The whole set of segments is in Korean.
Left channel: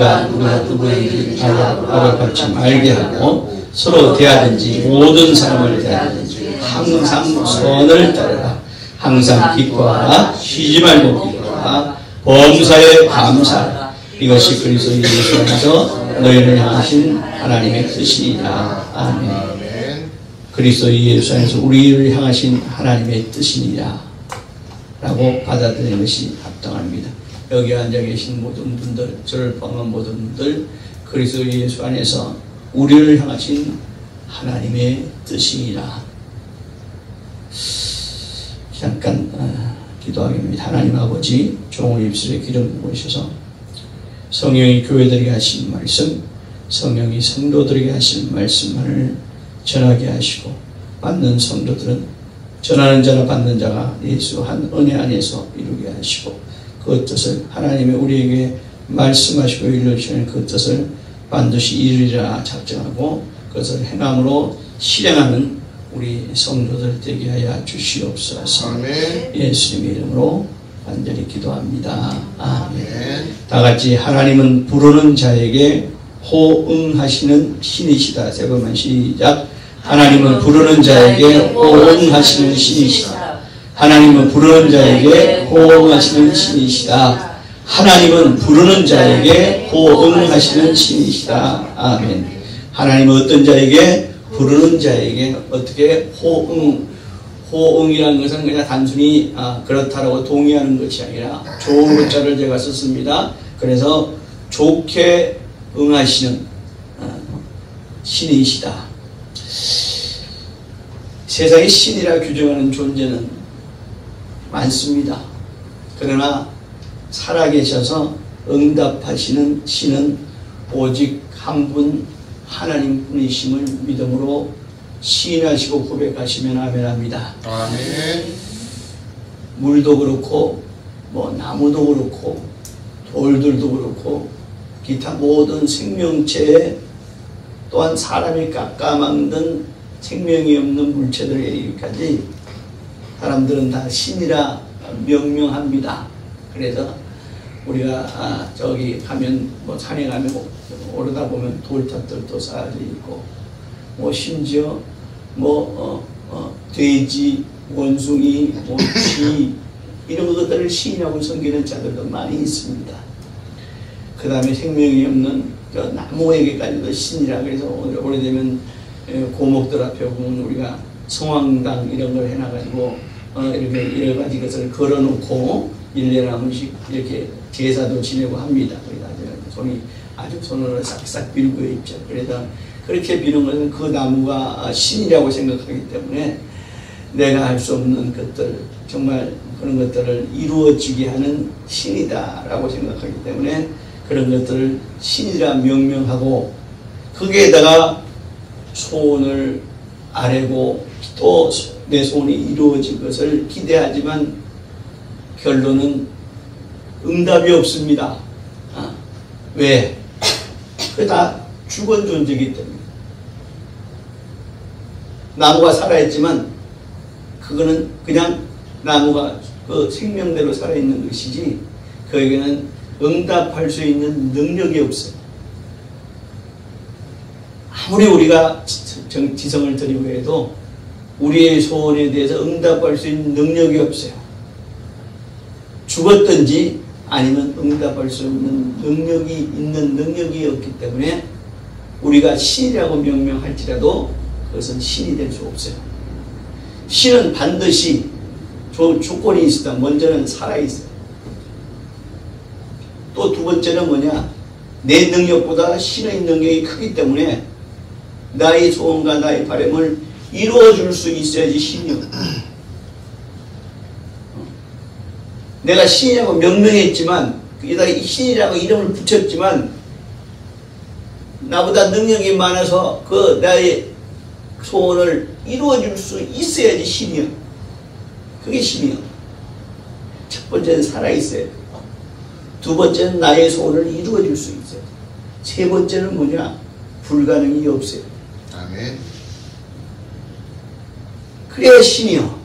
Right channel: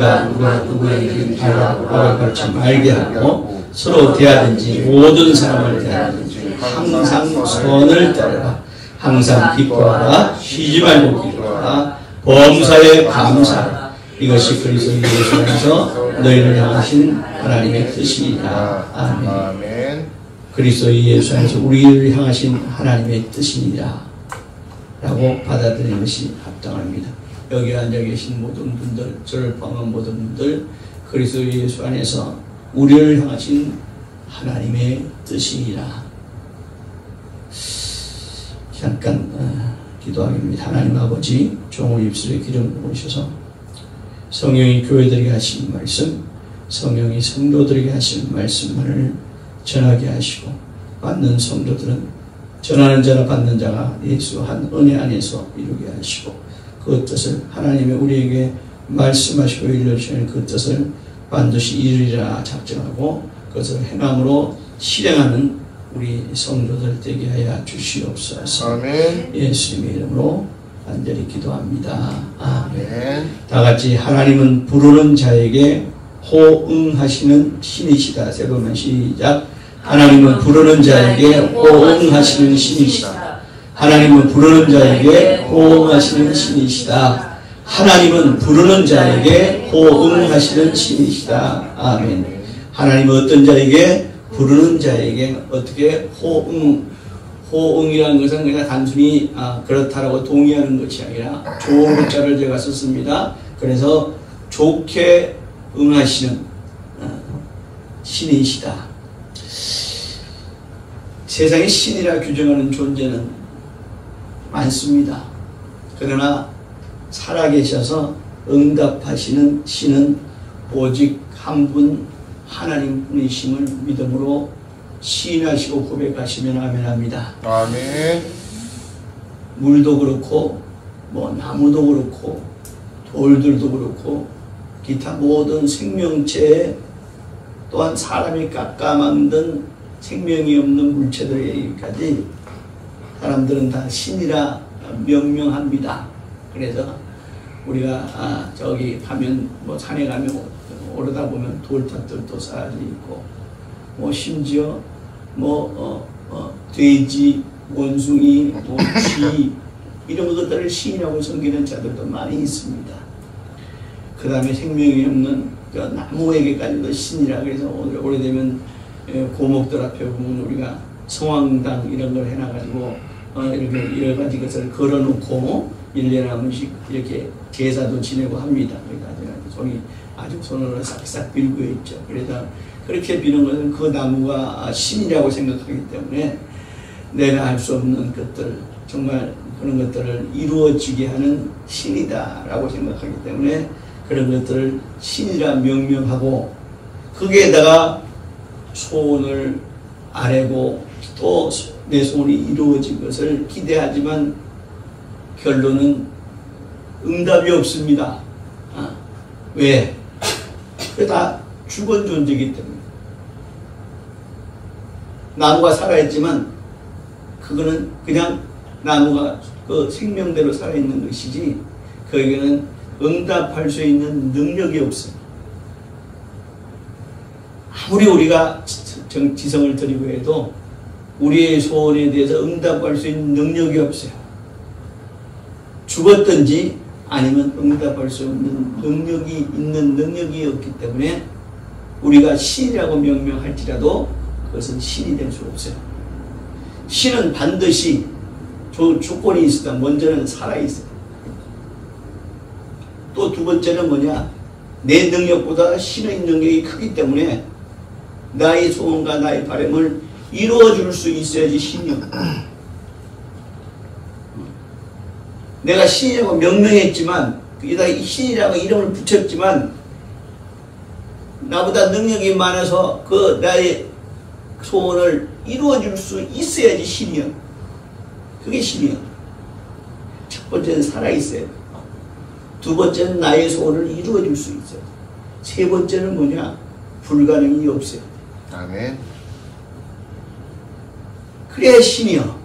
누군가 누구에게 악을 받지 말게 하고 서로 대하든지 모든 사람을 대하든지 항상 선을 따르라. 항상 기뻐하라. 쉬지 말고 기뻐하라. 범사에 감사하라. 이것이 그리스도 예수 안에서 너희를 향하신 하나님의 뜻이니라. 아멘. 그리스도 예수 안에서 우리를 향하신 하나님의 뜻이니라 라고 받아들이는 것이 합당합니다. 여기 앉아 계신 모든 분들, 저를 포함한 모든 분들, 그리스도 예수 안에서 우리를 향하신 하나님의 뜻이니라. 잠깐 기도하겠습니다. 하나님 아버지, 종의 입술에 기름 부으셔서 성령이 교회들에게 하신 말씀, 성령이 성도들에게 하신 말씀만을 전하게 하시고, 받는 성도들은 전하는 자나 받는 자가 예수 한 은혜 안에서 이루게 하시고, 그 뜻을 하나님의 우리에게 말씀하시고 일러주시는 그 뜻을 반드시 이루리라 작정하고 그것을 행함으로 실행하는 우리 성도들 되게 하여 주시옵소서. 아멘. 예수님의 이름으로 간절히 기도합니다. 아멘. 다 같이 하나님은 부르는 자에게 호응하시는 신이시다. 세 번만 시작. 하나님은 부르는 자에게 호응하시는 신이시다. 하나님은 부르는 자에게 호응하시는 신이시다. 하나님은 부르는 자에게 호응하시는 신이시다. 아멘. 하나님은 어떤 자에게? 부르는 자에게 어떻게 호응이라는 것은 그냥 단순히 그렇다라고 동의하는 것이 아니라 좋은 글자를 제가 썼습니다. 그래서 좋게 응하시는 신이시다. 세상에 신이라 규정하는 존재는 많습니다. 그러나 살아계셔서 응답하시는 신은 오직 한 분 하나님 분이심을 믿음으로 시인하시고 고백하시면 아멘합니다. 아멘. 물도 그렇고 나무도 그렇고 돌들도 그렇고 기타 모든 생명체에 또한 사람이 깎아만든 생명이 없는 물체들에 이르기까지 사람들은 다 신이라 명명합니다. 그래서 우리가 저기 가면 산에 가면 오르다 보면 돌탑들도 쌓여져 있고 심지어 돼지, 원숭이, 쥐 이런 것들을 신이라고 섬기는 자들도 많이 있습니다. 그 다음에 생명이 없는 나무에게까지도 신이라. 그래서 오래되면 고목들 앞에 보면 우리가 성황당 이런 걸 해놔가지고 이렇게 여러 가지 것을 걸어놓고 1년에 한 번씩 이렇게 제사도 지내고 합니다. 그러니까 손으로 싹싹 빌고 있죠. 그래서 그렇게 비는 것은 그 나무가 신이라고 생각하기 때문에 내가 할 수 없는 것들, 정말 그런 것들을 이루어지게 하는 신이다라고 생각하기 때문에 그런 것들을 신이라 명명하고 거기에다가 소원을 아뢰고 또 내 소원이 이루어질 것을 기대하지만 결론은 응답이 없습니다. 왜? 그게 다 죽은 존재이기 때문에. 나무가 살아있지만 그거는 그냥 나무가 그 생명대로 살아있는 것이지 거기에는 응답할 수 있는 능력이 없어요. 아무리 우리가 지성을 드리고 해도 우리의 소원에 대해서 응답할 수 있는 능력이 없어요. 죽었든지 아니면 응답할 수 없는 능력이 있는 능력이 없기 때문에 우리가 신이라고 명명할지라도 그것은 신이 될 수 없어요. 신은 반드시 조건이 있다. 먼저는 살아있어요. 또 두 번째는 뭐냐? 내 능력보다 신의 능력이 크기 때문에 나의 소원과 나의 바람을 이루어줄 수 있어야지 신이요. 내가 신이라고 명명했지만 거기다가 신이라고 이름을 붙였지만 나보다 능력이 많아서 그 나의 소원을 이루어줄 수 있어야지 신이요. 그게 신이요. 첫 번째는 살아있어야 돼. 두 번째는 나의 소원을 이루어줄 수 있어요. 세 번째는 뭐냐? 불가능이 없어요. 아멘. 그래야 신이요.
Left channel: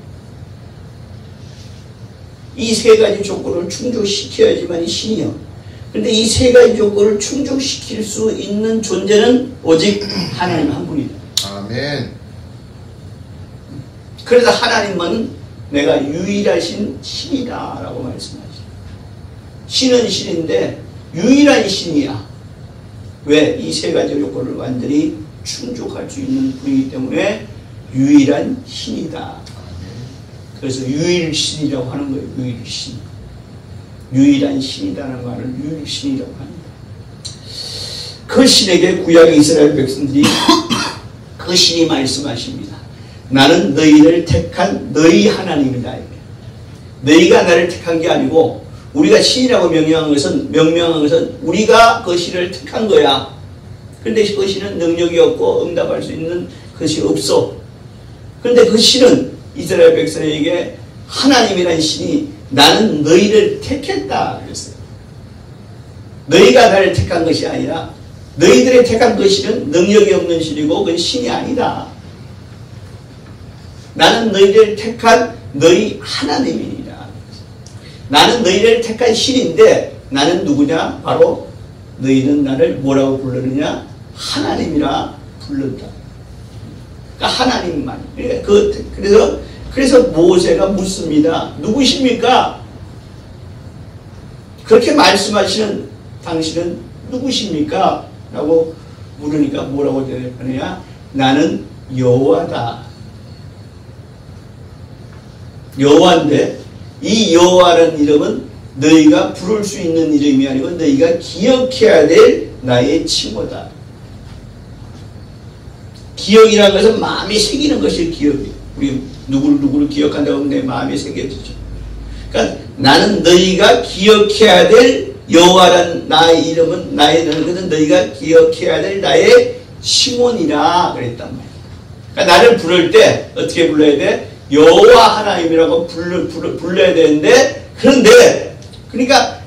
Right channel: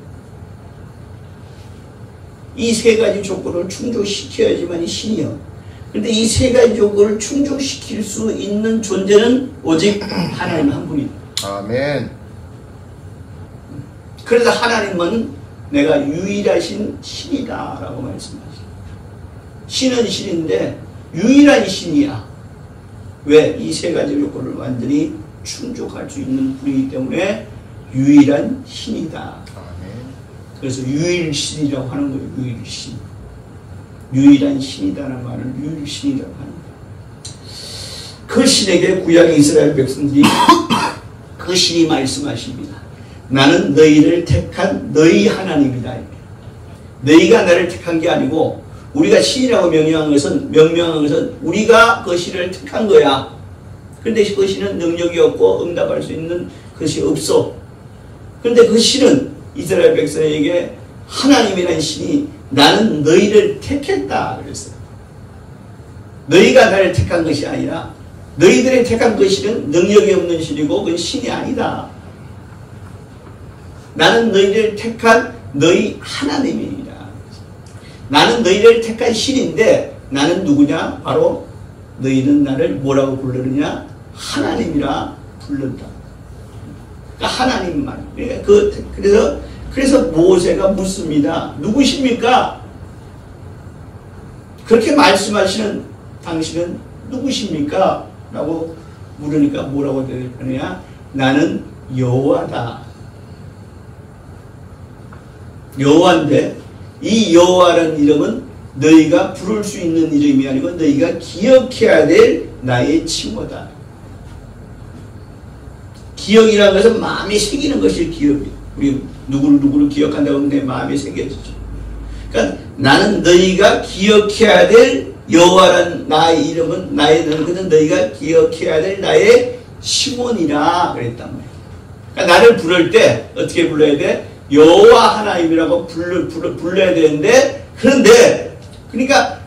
이 세 가지 조건을 충족시켜야지만 신이요. 근데 이 세 가지 조건을 충족시킬 수 있는 존재는 오직 하나님 한 분이다. 아멘. 그래서 하나님은 내가 유일하신 신이다라고 말씀하시죠. 신은 신인데 유일한 신이야. 왜? 이 세 가지 조건을 완전히 충족할 수 있는 분이기 때문에 유일한 신이다. 그래서 유일신이라고 하는 거예요. 유일신. 유일한 신이다는 말을 유일신이라고 합니다. 그 신에게 구약 이스라엘 백성들이 그 신이 말씀하십니다. 나는 너희를 택한 너희 하나님이다. 너희가 나를 택한 게 아니고 우리가 신이라고 명명한 것은 우리가 그 신을 택한 거야. 그런데 그 신은 능력이 없고 응답할 수 있는 것이 없어. 그런데 그 신은 이스라엘 백성에게 하나님이라는 신이 나는 너희를 택했다 그랬어요. 너희가 나를 택한 것이 아니라 너희들의 택한 그 신은 능력이 없는 신이고 그건 신이 아니다. 나는 너희를 택한 너희 하나님이니라. 나는 너희를 택한 신인데 나는 누구냐? 바로 너희는 나를 뭐라고 부르느냐? 하나님이라 불른다. 그러니까 하나님만. 그래서 모세가 묻습니다. 누구십니까? 그렇게 말씀하시는 당신은 누구십니까? 라고 물으니까 뭐라고 대답하느냐? 나는 여호와다. 여호와인데 이 여호와라는 이름은 너희가 부를 수 있는 이름이 아니고 너희가 기억해야 될 나의 칭호다. 기억이라는 것은 마음에 새기는 것이 기억이에요. 우리 누구를 기억한다고 하면 내 마음에 새겨지죠. 그러니까 나는 너희가 기억해야 될 여호와란 나의 이름은 나의 것은 너희가 기억해야 될 나의 칭호니라 그랬단 말이에요. 그러니까 나를 부를 때 어떻게 불러야 돼? 여호와 하나님이라고 불러야 되는데 그런데 그러니까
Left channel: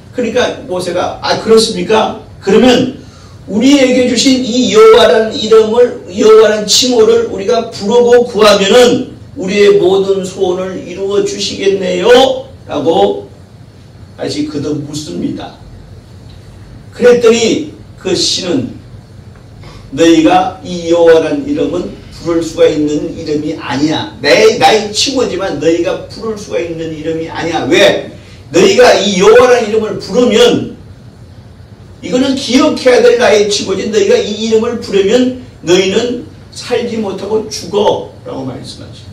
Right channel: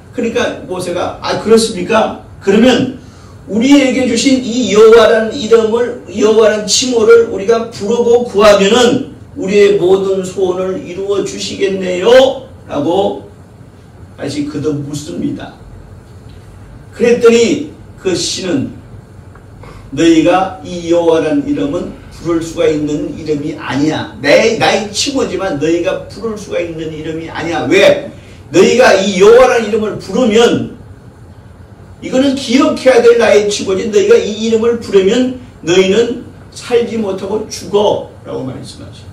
모세가 그렇습니까? 그러면 우리에게 주신 이 여호와라는 이름을 여호와라는 칭호를 우리가 부르고 구하면은 우리의 모든 소원을 이루어 주시겠네요? 라고 다시 그도 묻습니다. 그랬더니 그 신은 너희가 이 여호와라는 이름은 부를 수가 있는 이름이 아니야. 나의 칭호지만 너희가 부를 수가 있는 이름이 아니야. 왜? 너희가 이 여호와라는 이름을 부르면 이거는 기억해야 될 나의 칭호지. 너희가 이 이름을 부르면 너희는 살지 못하고 죽어 라고 말씀하죠.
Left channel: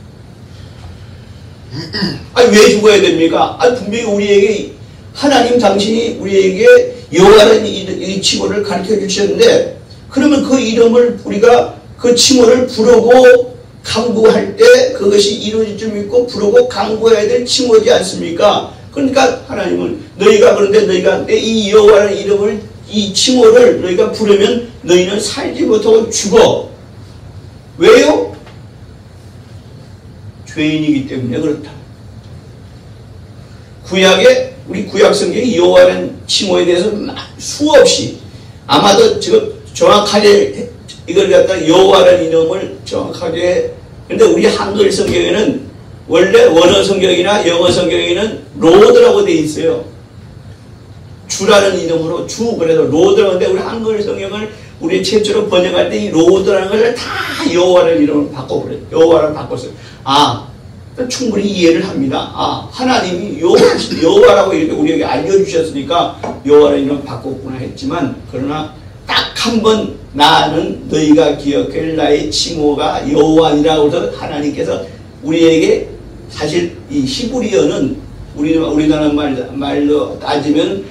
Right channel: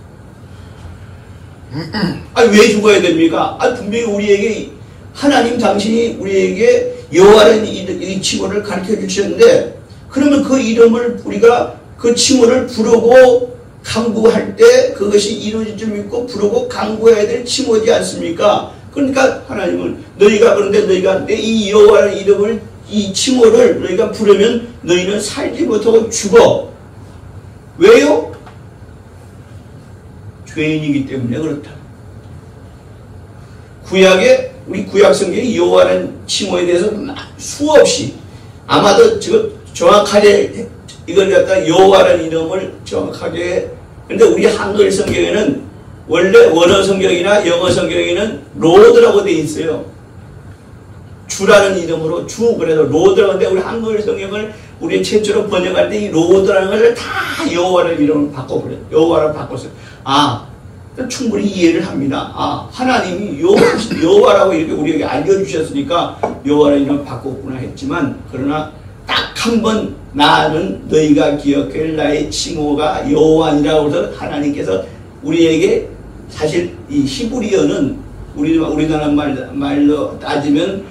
왜 죽어야 됩니까? 분명히 우리에게 하나님 당신이 우리에게 여호와라는 이 칭호를 가르쳐 주셨는데 그러면 그 이름을 우리가 그 칭호를 부르고 간구할 때 그것이 이루어질 줄 믿고 부르고 간구해야 될 칭호지 않습니까? 그러니까 하나님은 그런데 너희가 내 이 여호와라는 이름을 이 칭호를 너희가 부르면 너희는 살지 못하고 죽어. 왜요? 죄인이기 때문에 그렇다. 우리 구약 성경에 여호와라는 칭호에 대해서 수없이 아마도 지금 정확하게 이걸 갖다 여호와라는 이름을 정확하게 근데 우리 한글 성경에는 원래 원어 성경이나 영어 성경에는 로드라고 되어 있어요. 주라는 이름으로 그래서 로드라고 하는데 우리 한글 성경을 우리 최초로 번역할 때 이 로드라는 것을 다 여호와라는 이름을 바꿔버려요. 여호와를 바꿨어요. 충분히 이해를 합니다. 하나님이 여호와라고 이렇게 우리에게 알려주셨으니까 여호와라는 이름을 바꿨구나 했지만 그러나 딱 한 번 나는 너희가 기억할 나의 칭호가 여호와니라고 해서 하나님께서 우리에게 사실 이 히브리어는 우리나라 말로 따지면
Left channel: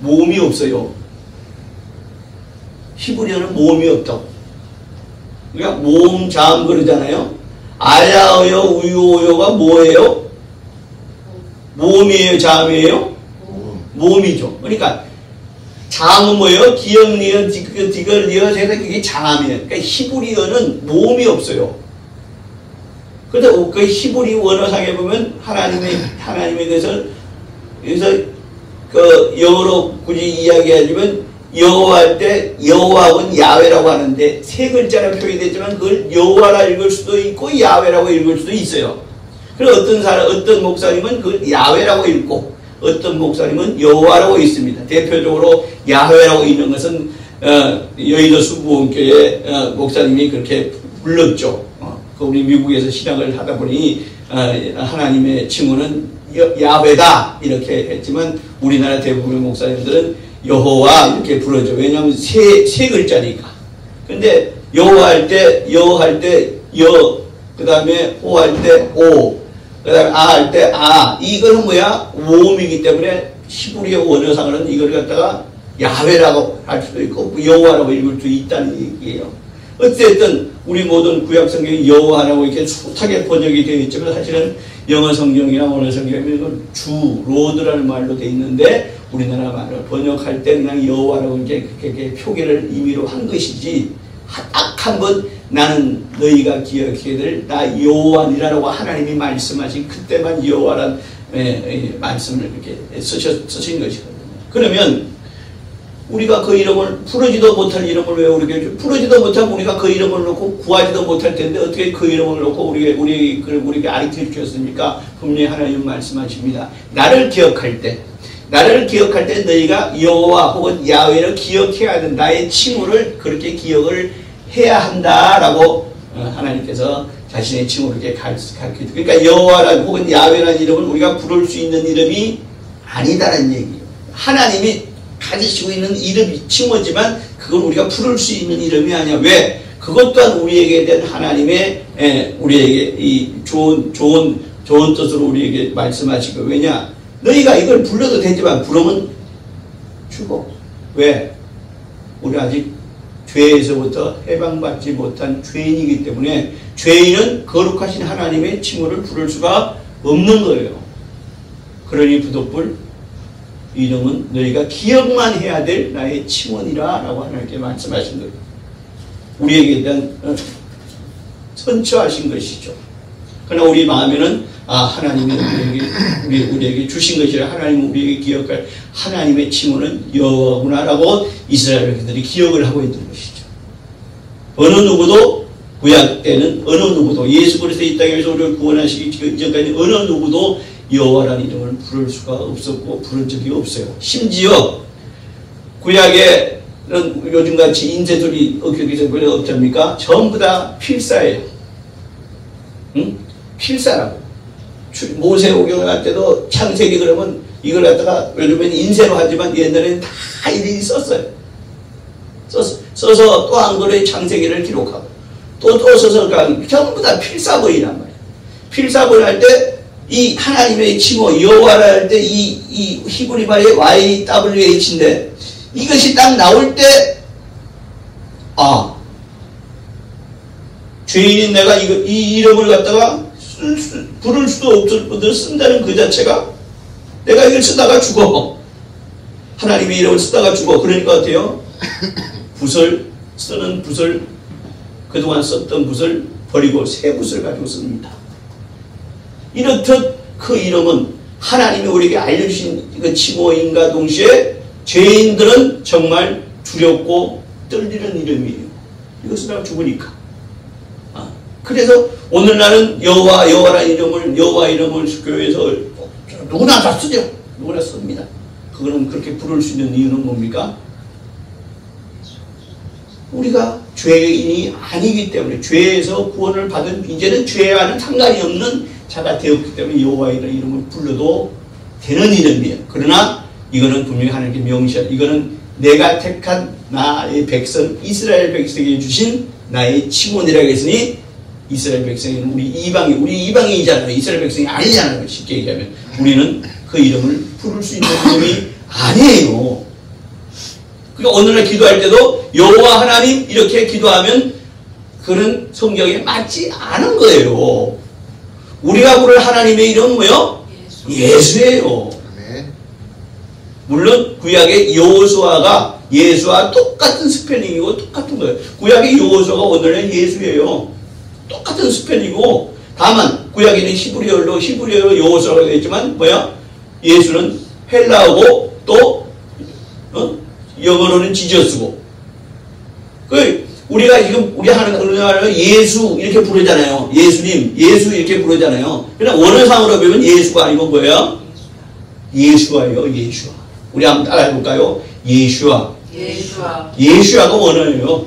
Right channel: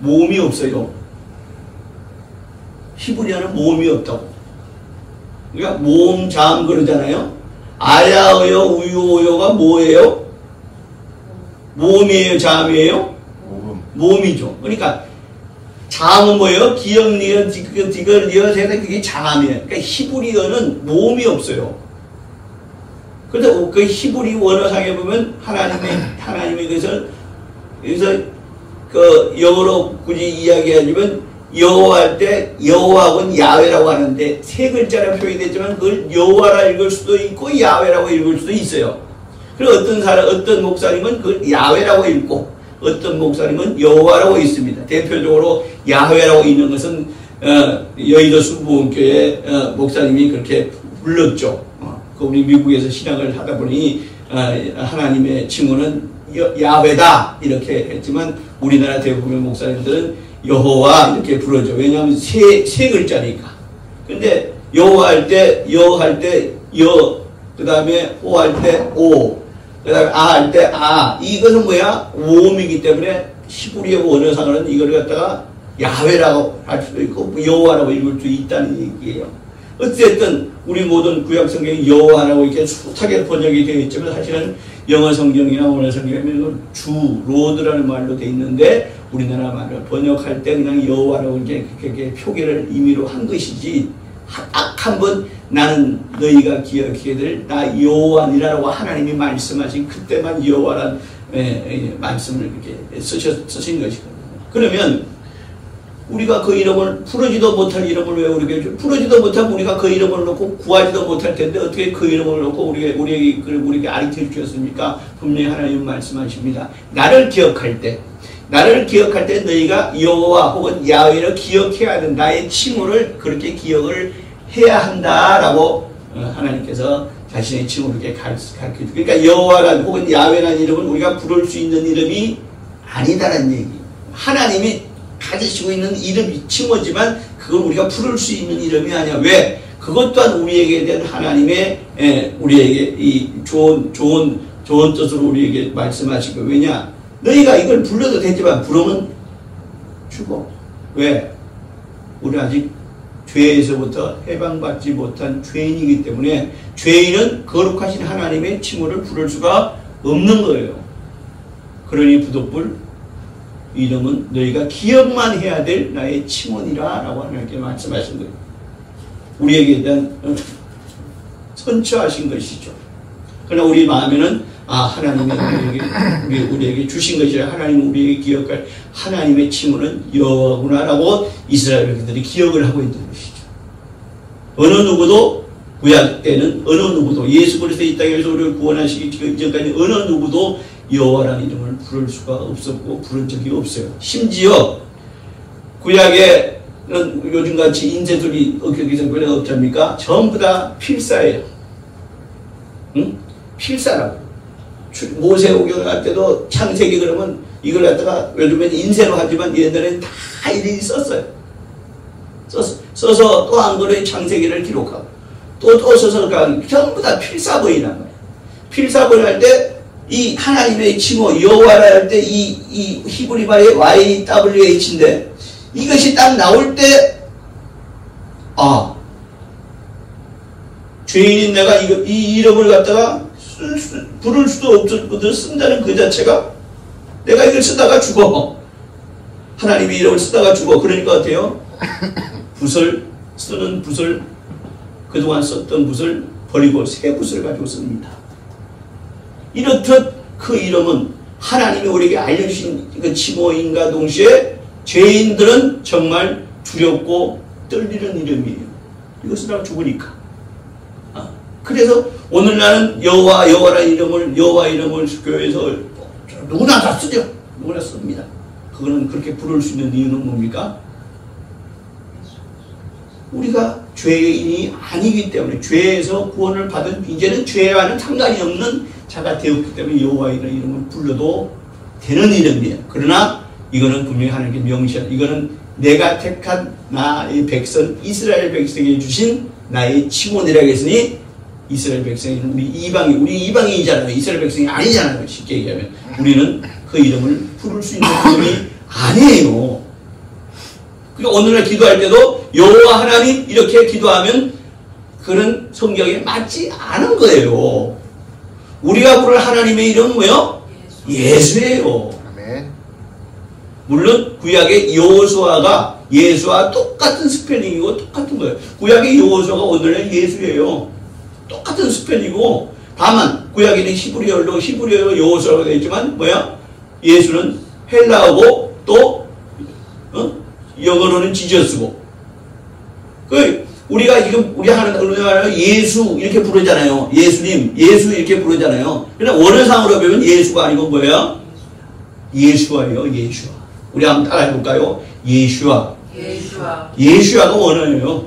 모음이 없어요. 히브리어는 모음이 없다고. 그러니까 모음, 자음 그러잖아요. 알라우요, 우유오요가 뭐예요? 모음이에요, 자음이에요? 모음이죠. 그러니까 자음은 뭐예요? 기역, 니은, 디귿, 리엇 해서 그게 자음이에요. 그러니까 히브리어는 모음이 없어요. 그런데 그 히브리 원어상에 보면 하나님의 것을 여기서 그 영어로 굳이 이야기하자면 여호와할 때 여호와하고는 야훼라고 하는데 세 글자로 표현이 되지만 그걸 여호와라 읽을 수도 있고 야훼라고 읽을 수도 있어요. 그리고 어떤 목사님은 그걸 야훼라고 읽고 어떤 목사님은 여호와라고 있습니다. 대표적으로 야훼라고 있는 것은 여의도 수부원교회 목사님이 그렇게 불렀죠. 그 우리 미국에서 신학을 하다 보니 하나님의 칭호는 야훼다 이렇게 했지만 우리나라 대부분의 목사님들은 여호와 이렇게 부르죠. 왜냐하면 세 글자니까. 근데 여호할 때 그 다음에 호할 때 오, 그 다음에 아할 때 아. 이거는 뭐야? 오음이기 때문에 히브리어 원어상으로는 이걸 갖다가 야훼라고 할 수도 있고 여호와라고 읽을 수 있다는 얘기예요. 어쨌든 우리 모든 구약 성경이 여호와라고 이렇게 숱하게 번역이 되어 있지만 사실은 영어 성경이나 원어 성경에는 주 로드라는 말로 되어 있는데 우리나라 말을 번역할 때 그냥 여호와라고 이렇게 표기를 임의로 한 것이지 딱 한 번 나는 너희가 기억해야 될 나 여호와니라라고 하나님이 말씀하신 그때만 여호와란 말씀을 이렇게 쓰신 것이거든요. 그러면 우리가 그 이름을 부르지도 못할 이름을 왜 우리가 부르지도 못하면 우리가 그 이름을 놓고 구하지도 못할 텐데 어떻게 그 이름을 놓고 우리에게 가르쳐 주셨습니까? 분명히 하나님 말씀하십니다. 나를 기억할 때 너희가 여호와 혹은 야훼를 기억해야 된다. 나의 칭호를 그렇게 기억을 해야 한다라고 하나님께서 자신의 칭호를 이렇게 가르쳐주고 그러니까 여호와란 혹은 야훼라는 이름은 우리가 부를 수 있는 이름이 아니다라는 얘기예요. 하나님이 가지시고 있는 이름이 칭호지만 그건 우리가 부를 수 있는 이름이 아니야. 왜? 그것 또한 우리에게 된 하나님의 우리에게 이 좋은 뜻으로 우리에게 말씀하시고 왜냐? 너희가 이걸 불러도 되지만 부르면 죽어. 왜? 우리 아직 죄에서부터 해방받지 못한 죄인이기 때문에 죄인은 거룩하신 하나님의 칭호를 부를 수가 없는 거예요. 그러니 부득불 이름은 너희가 기억만 해야 될 나의 칭호니라 라고 하나님께 말씀하신 거예요. 우리에게 대한 선처하신 것이죠. 그러나 우리 마음에는 하나님이 우리에게 주신 것이라 하나님은 우리에게 기억할 하나님의 칭호는 여호와구나라고 이스라엘 백성들이 기억을 하고 있는 것이죠. 어느 누구도 구약 때는 어느 누구도 예수 그리스도 이 땅에서 우리를 구원하시기 이전까지 어느 누구도 여호와라는 이름을 부를 수가 없었고 부른 적이 없어요. 심지어 구약에는 요즘같이 인쇄술이 없습니까? 전부 다 필사예요. 응? 필사라고. 모세오경을 할 때도 창세기 그러면 이걸 갖다가 요즘에는 인쇄로 하지만 옛날에는 다 일일이 썼어요. 써서 또 한 번의 창세기를 기록하고 또 써서 전부 다 필사본이란 말이에요. 필사본을 할 때 이 하나님의 칭호 여호와라 할 때 이 히브리 말의 YWH인데 이것이 딱 나올 때 죄인인 내가 이 이름을 갖다가 부를 수도 없을 것을 쓴다는 그 자체가 내가 이걸 쓰다가 죽어. 하나님의 이름을 쓰다가 죽어. 그러니까 어때요? 쓰는 붓을 그동안 썼던 붓을 버리고 새 붓을 가지고 씁니다. 이렇듯 그 이름은 하나님이 우리에게 알려주신 그 칭호인과 동시에 죄인들은 정말 두렵고 떨리는 이름이에요. 이거 쓰다가 죽으니까. 그래서 오늘날은 여호와라는 이름을 여호와 이름을 교회에서 누구나 다 쓰죠. 누구나 씁니다. 그거는 그렇게 부를 수 있는 이유는 뭡니까? 우리가 죄인이 아니기 때문에 죄에서 구원을 받은 이제는 죄와는 상관이 없는 자가 되었기 때문에 여호와라는 이름을 불러도 되는 이름이에요. 그러나 이거는 분명히 하나님께 명시한 이거는 내가 택한 나의 백성 이스라엘 백성에게 주신 나의 칭호니라고 했으니 이스라엘 백성이는 우리 이방인이잖아요. 이스라엘 백성이 아니잖아요. 쉽게 얘기하면 우리는 그 이름을 부를 수 있는 이름이 아니에요. 그러니까 오늘날 기도할 때도 여호와 하나님 이렇게 기도하면 그런 성경에 맞지 않은 거예요. 우리가 부를 하나님의 이름은 뭐예요? 예수예요. 물론 구약의 여호수아가 예수와 똑같은 스펠링이고 똑같은 거예요. 구약의 여호수아가 오늘날 예수예요. 똑같은 스펠이고 다만 구약에는 히브리어로 여호수아가 되어 있지만 예수는 헬라어고 또 영어로는 지저스고 우리가 지금 우리 하는 예수 이렇게 부르잖아요. 예수님 예수 이렇게 부르잖아요. 그냥 원어상으로 보면 예수가 아니고 뭐예요? 예수와예요. 예수와. 우리 한번 따라해볼까요? 예수와. 예수와. 예수와가 원어예요.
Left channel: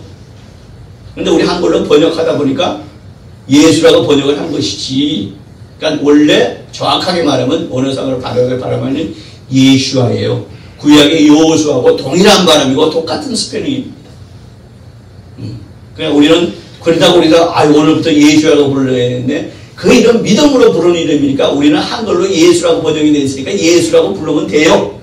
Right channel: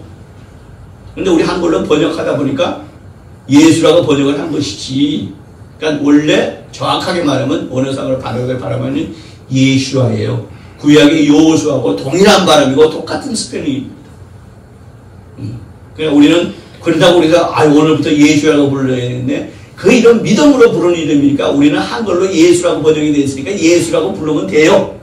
근데 우리 한글로 번역하다 보니까 예수라고 번역을 한 것이지. 그러니까 원래 정확하게 말하면 언어상으로 발음하면 예수와예요. 구약의 여호수아하고 동일한 발음이고 똑같은 스펠링입니다. 그냥 우리는 그러다고 우리가 오늘부터 예수라고 불러야 되는데 그 이름 믿음으로 부르는 이름이니까 우리는 한글로 예수라고 번역이 되어 있으니까 예수라고 부르면 돼요.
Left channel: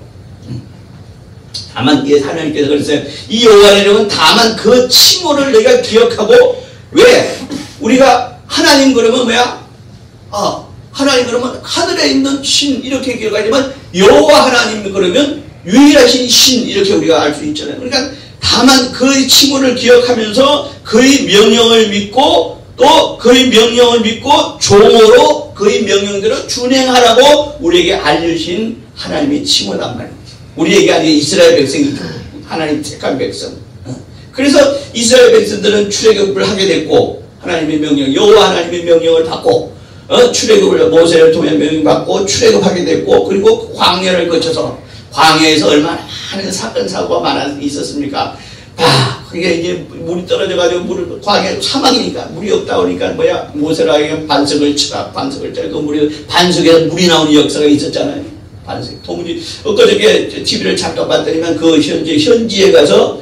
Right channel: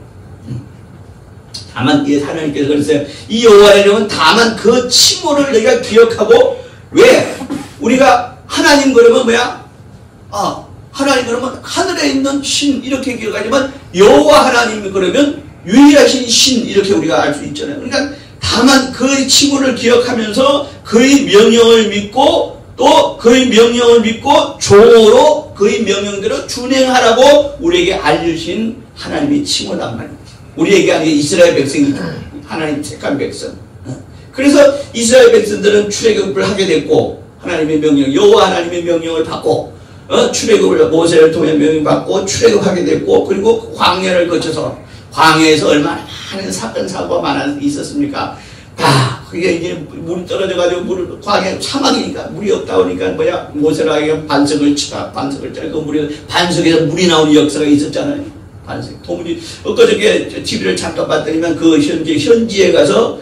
다만 하나님께서 그랬어요. 이 여호와의 이름은 다만 그 칭호를 내가 기억하고 왜? 우리가 하나님 그러면 뭐야? 하나님 그러면 하늘에 있는 신 이렇게 기억하지만 여호와 하나님 그러면 유일하신 신 이렇게 우리가 알 수 있잖아요. 그러니까 다만 그의 칭호를 기억하면서 그의 명령을 믿고 또 그의 명령을 믿고 종으로 그의 명령대로 준행하라고 우리에게 알려주신 하나님의 칭호란 말입니다. 우리에게 아니라 이스라엘 백성이죠. 하나님 택한 백성. 그래서 이스라엘 백성들은 출애굽을 하게 됐고 하나님의 명령, 여호와 하나님의 명령을 받고 출애굽을 모세를 통해 명령받고 출애굽하게 됐고 그리고 광야를 거쳐서 광야에서 얼마나 많은 사건 사고가 많아 있었습니까? 그게 이제 물이 떨어져가지고 광야 사막이니까 물이 없다 보니까 모세라에게 반석을 치라 반석을 짜 그 물이 반석에서 물이 나오는 역사가 있었잖아요. 반석 도무지 엊그저께 TV를 잠깐 봤더니만 그 현지에 가서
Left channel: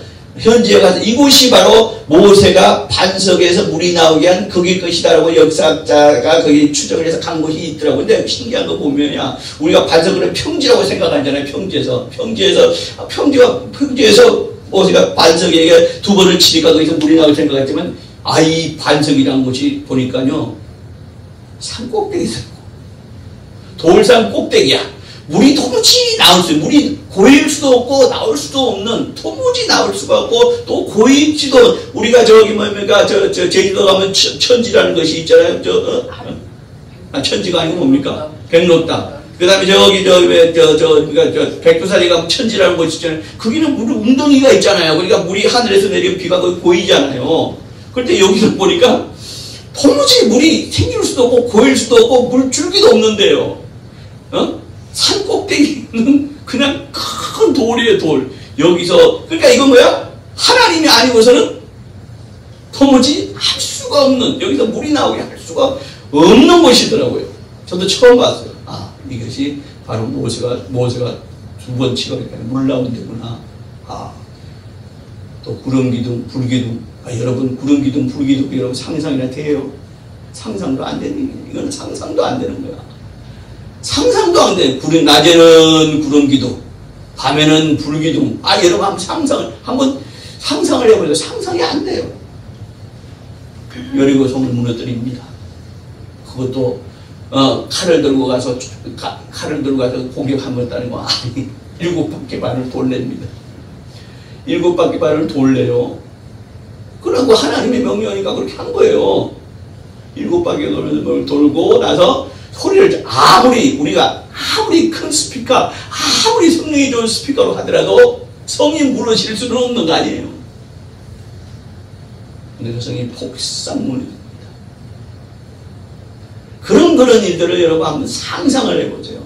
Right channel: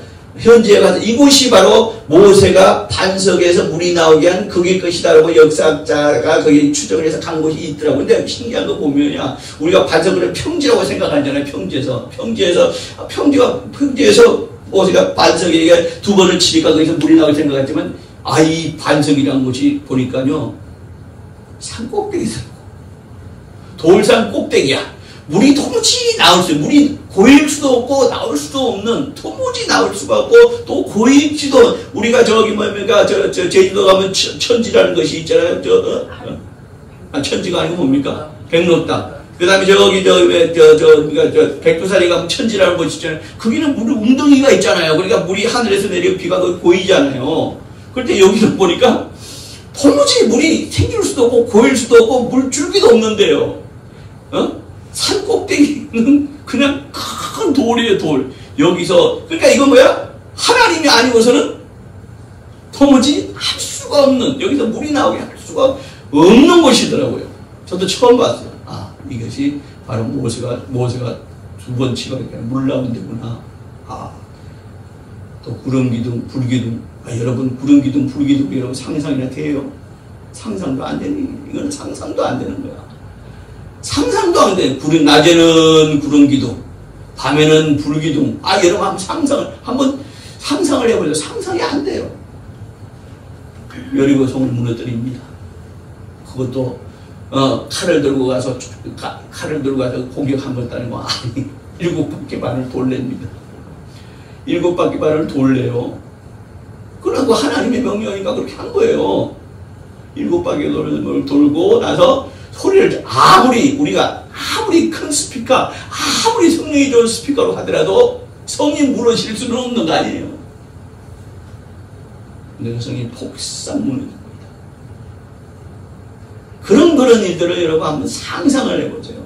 이곳이 바로 모세가 반석에서 물이 나오게 한 그게 것이다라고 역사학자가 거기 추정을 해서 간 곳이 있더라고요. 근데 신기한 거 보면요. 우리가 반석을 평지라고 생각하잖아요. 평지에서 모세가 반석에 두 번을 치니까 거기서 물이 나오게 생각했지만 이 반석이라는 곳이 보니까요. 산 꼭대기더라고. 돌산 꼭대기야. 물이 도무지 나올 수, 물이 고일 수도 없고 나올 수도 없는, 도무지 나올 수가 없고 또 고일지도 우리가 저기 제주도 가면 천지라는 것이 있잖아요. 천지가 아니고 뭡니까? 백록담. 그 다음에 백두산에 가면 천지라는 곳이 있잖아요. 거기는 물 웅덩이가 있잖아요. 그러니까 물이 하늘에서 내리고 비가 고이잖아요. 그런데 여기서 보니까 도무지 물이 생길 수도 없고 고일 수도 없고 물줄기도 없는데요. 산 꼭대기는 그냥 큰 돌이에요, 돌. 여기서, 그러니까 이건 뭐야? 하나님이 아니고서는 도무지 할 수가 없는, 여기서 물이 나오게 할 수가 없는 곳이더라고요. 저도 처음 봤어요. 이것이 바로 모세가 두 번 치고 물 나온 데구나. 또 구름기둥, 불기둥. 여러분, 구름기둥, 불기둥, 여러분 상상이나 돼요? 상상도 안 되는, 이거는 상상도 안 되는 거야. 상상도 안 돼. 낮에는 구름기둥, 밤에는 불기둥. 여러분 한번 상상을 해보세요. 상상이 안 돼요. 여리고성을 무너뜨립니다. 그것도 칼을 들고 가서 공격 한번 따르고 7바퀴 반을 돌립니다. 7바퀴 반을 돌려요. 그러고 하나님의 명령이니까 그렇게 한 거예요. 7바퀴 돌고 나서 소리를 아무리 큰 스피커, 아무리 성능이 좋은 스피커로 하더라도 성이 무너질 수는 없는 거 아니에요. 근데 그 성이 폭삭 무너집니다. 그런 일들을 여러분 한번 상상을 해보세요.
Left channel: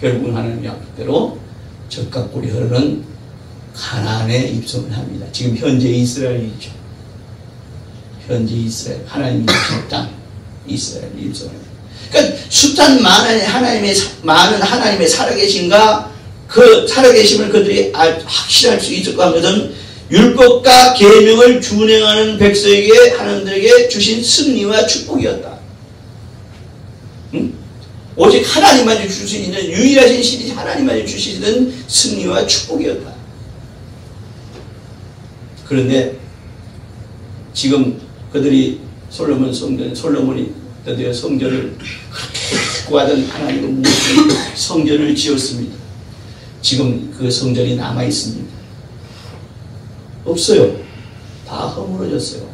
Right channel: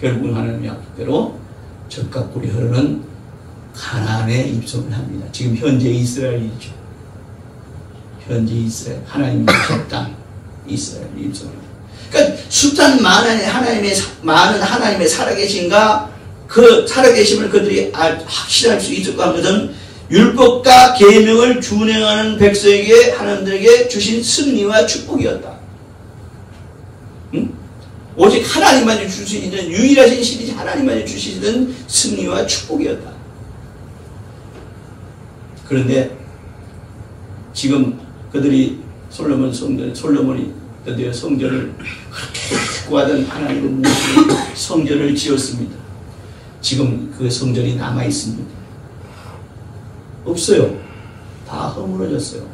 결국은 하나님의 약속대로 적과 꿀이 흐르는 가나안에 입성을 합니다. 지금 현재 이스라엘이죠. 현재 이스라엘, 하나님의 땅 이스라엘에 입성을 합니다. 그러니까 숱한 많은 하나님의 살아계신가 그 살아계심을 그들이 확신할 수 있을 것은 율법과 계명을 준행하는 백성에게 하나님들에게 주신 승리와 축복이었다. 오직 하나님만이 줄 수 있는 유일하신 신이 하나님만이 주시는 승리와 축복이었다. 그런데 지금 그들이 솔로몬이 드디어 성전을 그렇게 구하던 하나님의 모든 성전을 지었습니다. 지금 그 성전이 남아 있습니다. 없어요. 다 허물어졌어요.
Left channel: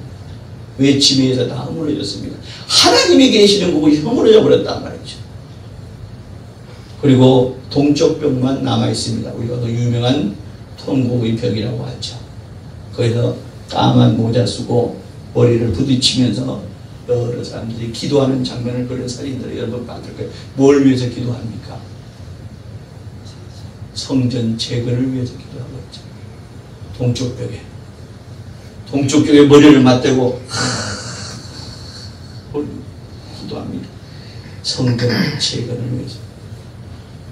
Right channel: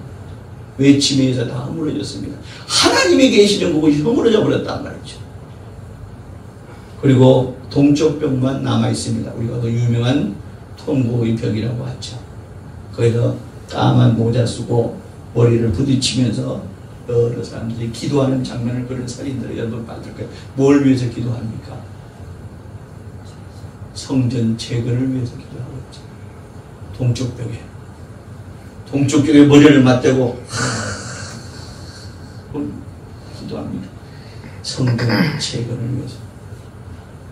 외침에 의해서 다 허물어졌습니다. 하나님이 계시는 그곳이 허물어져 버렸단 말이죠. 그리고 동쪽 벽만 남아 있습니다. 우리가 그 유명한 통고의 벽이라고 하죠. 거기서 까만 모자 쓰고 머리를 부딪히면서 여러 사람들이 기도하는 장면을 그런 사진들을 여러분 봤을 거예요. 뭘 위해서 기도합니까? 성전 재건을 위해서 기도하고 있죠. 동쪽 벽에 머리를 맞대고 기도합니다. 성전 재건을 위해서.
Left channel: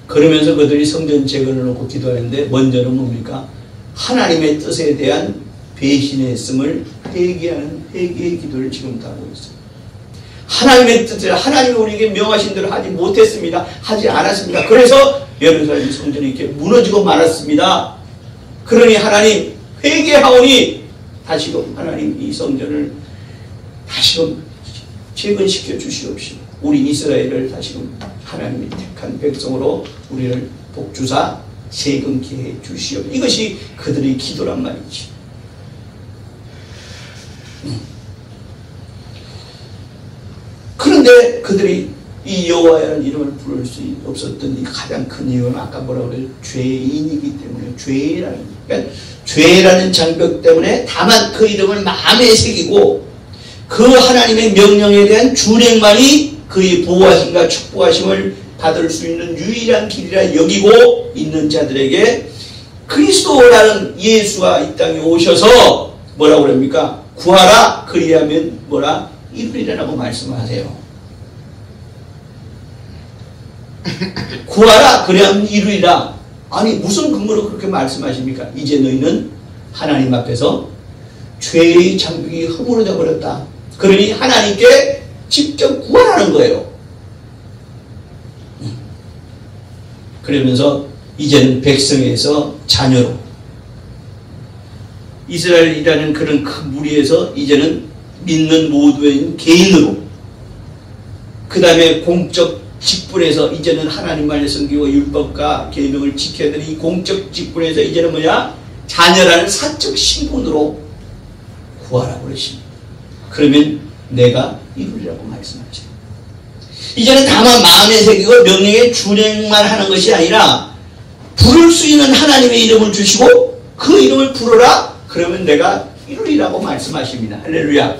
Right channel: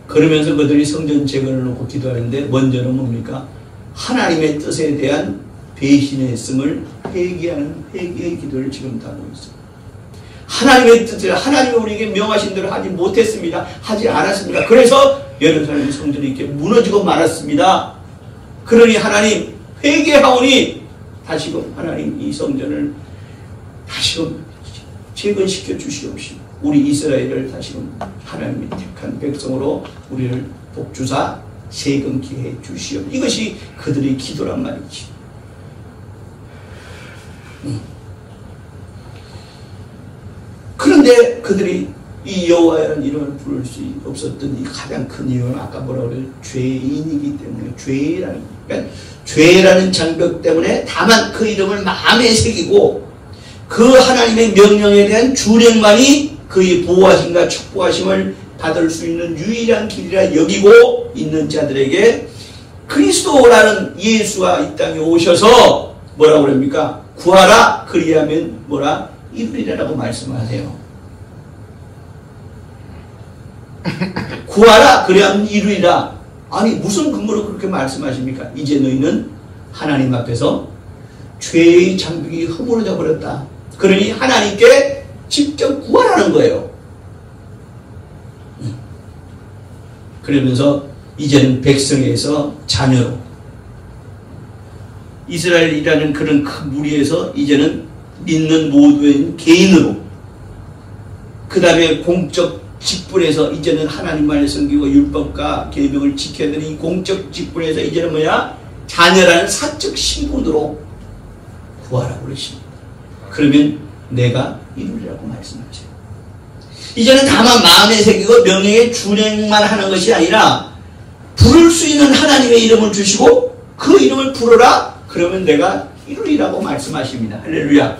그러면서 그들이 성전 재건을 놓고 기도하는데 먼저는 뭡니까? 하나님의 뜻에 대한 배신했음을 회개하는 회개의 기도를 지금도 하고 있어요. 하나님의 뜻을 하나님이 우리에게 명하신 대로 하지 못했습니다. 하지 않았습니다. 그래서 예루살렘 성전이 이렇게 무너지고 말았습니다. 그러니 하나님 회개하오니 다시금 하나님 이 성전을 다시금 재건시켜 주시옵시고 우리 이스라엘을 다시금 하나님이 택한 백성으로 우리를 복주사 재건케 해 주시옵소서. 이것이 그들의 기도란 말이지. 그런데 그들이 이 여호와라는 이름을 부를 수 없었던 이 가장 큰 이유는 아까 뭐라고 그래요? 죄인이기 때문에 그러니까 죄라는 장벽 때문에 다만 그 이름을 마음에 새기고 그 하나님의 명령에 대한 준행만이 그의 보호하심과 축복하심을 받을 수 있는 유일한 길이라 여기고 있는 자들에게 그리스도라는 예수가 이 땅에 오셔서 뭐라고 그럽니까? 구하라 그리하면 뭐라? 이루리라고 말씀하세요. 구하라 그리하면 이루리라. 아니 무슨 근거로 그렇게 말씀하십니까? 이제 너희는 하나님 앞에서 죄의 장벽이 허물어져 버렸다. 그러니 하나님께 직접 구하라는 거예요. 그러면서 이제는 백성에서 자녀로 이스라엘이라는 그런 큰 무리에서 이제는 믿는 모두의 개인으로 그 다음에 공적 직분에서 이제는 하나님만을 섬기고 율법과 계명을 지켜야 되는 이 공적 직분에서 이제는 뭐냐? 자녀라는 사적 신분으로 구하라고 그러십니다. 그러면 내가 이루리라고 말씀하세요. 이제는 다만 마음에 새기고 명령에 준행만 하는 것이 아니라 부를 수 있는 하나님의 이름을 주시고 그 이름을 부르라 그러면 내가 이루리라고 말씀하십니다. 할렐루야.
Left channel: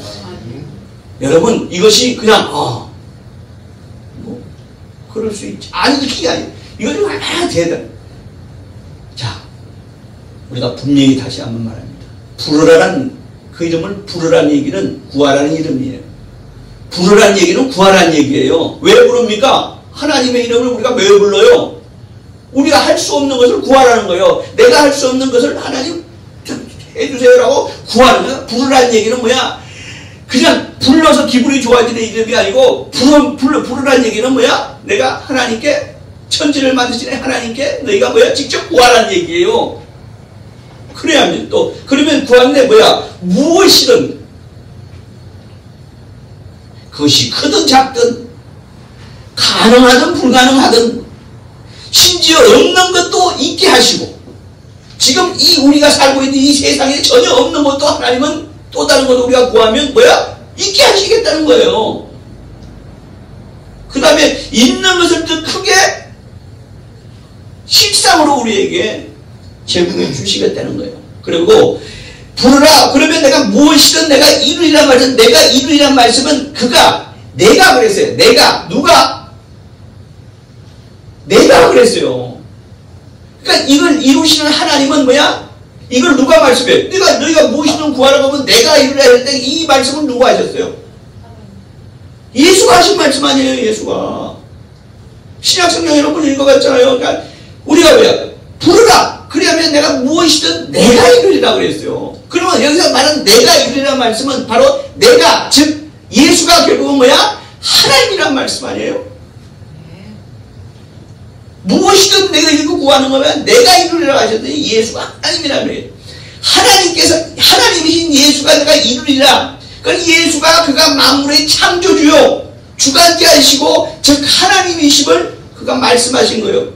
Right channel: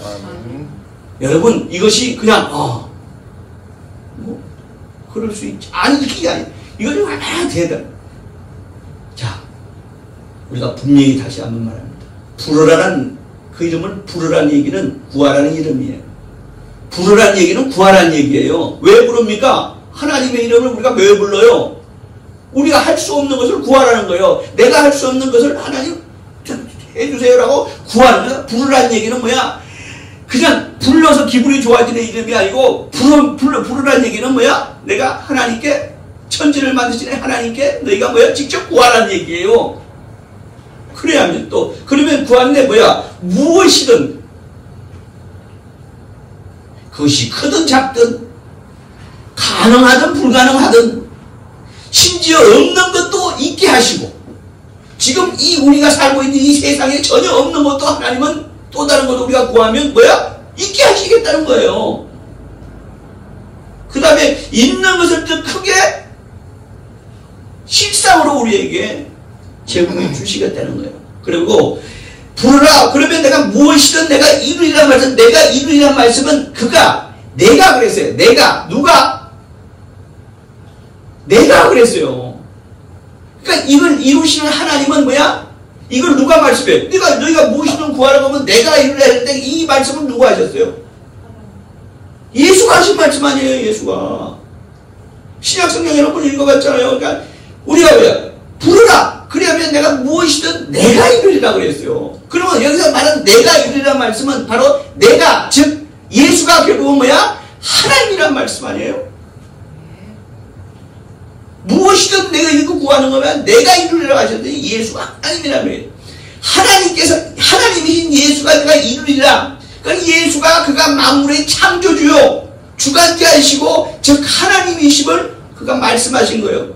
여러분 이것이 그냥 뭐 그럴 수 있지. 아니 이게 아니에요. 이것이 얼마나 대단. 자 우리가 분명히 다시 한번 말합니다. 부르라는 그 이름을 부르라는 얘기는 구하라는 이름이에요. 부르라는 얘기는 구하라는 얘기예요. 왜 부릅니까? 하나님의 이름을 우리가 왜 불러요? 우리가 할 수 없는 것을 구하라는 거예요. 내가 할 수 없는 것을 하나님 해주세요라고 구하는 거예요. 부르라는 얘기는 뭐야? 그냥 불러서 기분이 좋아지는 이름이 아니고 부르라는 얘기는 뭐야? 내가 하나님께 천지를 만드신 하나님께 너희가 뭐야? 직접 구하라는 얘기예요. 그래야면 또 그러면 구하는데 뭐야? 무엇이든 그것이 크든 작든 가능하든 불가능하든 심지어 없는 것도 있게 하시고 지금 이 우리가 살고 있는 이 세상에 전혀 없는 것도 하나님은 또 다른 것도 우리가 구하면 뭐야? 있게 하시겠다는 거예요. 그 다음에 있는 것을 더 크게 실상으로 우리에게 제공해 주시겠다는 거예요. 그리고 부르라 그러면 내가 무엇이든 내가 이루리란 말은 내가 이루리란 말씀은 내가 그랬어요. 누가 그랬어요. 그러니까 이걸 이루시는 하나님은 뭐야? 이걸 누가 말씀해? 너희가 무엇이든 구하라고 하면 내가 이루라 했는데 이 말씀은 누가 하셨어요? 예수가 하신 말씀 아니에요. 예수가 신약성경 여러분 읽어봤잖아요. 그러니까 우리가 뭐야? 부르라 그러면 내가 무엇이든 내가 이루리라 그랬어요. 그러면 여기서 말하는 내가 이루리란 말씀은 바로 내가 즉 예수가 결국은 뭐야? 하나님이란 말씀 아니에요? 무엇이든 내가 이거 구하는 거면 내가 이루리라고 하셨더니 예수가 하나님이란 말이에요. 하나님이신 예수가 내가 이루리라. 그러니까 예수가 그가 만물의 창조주요 주관자이시고 즉 하나님이심을 그가 말씀하신 거예요.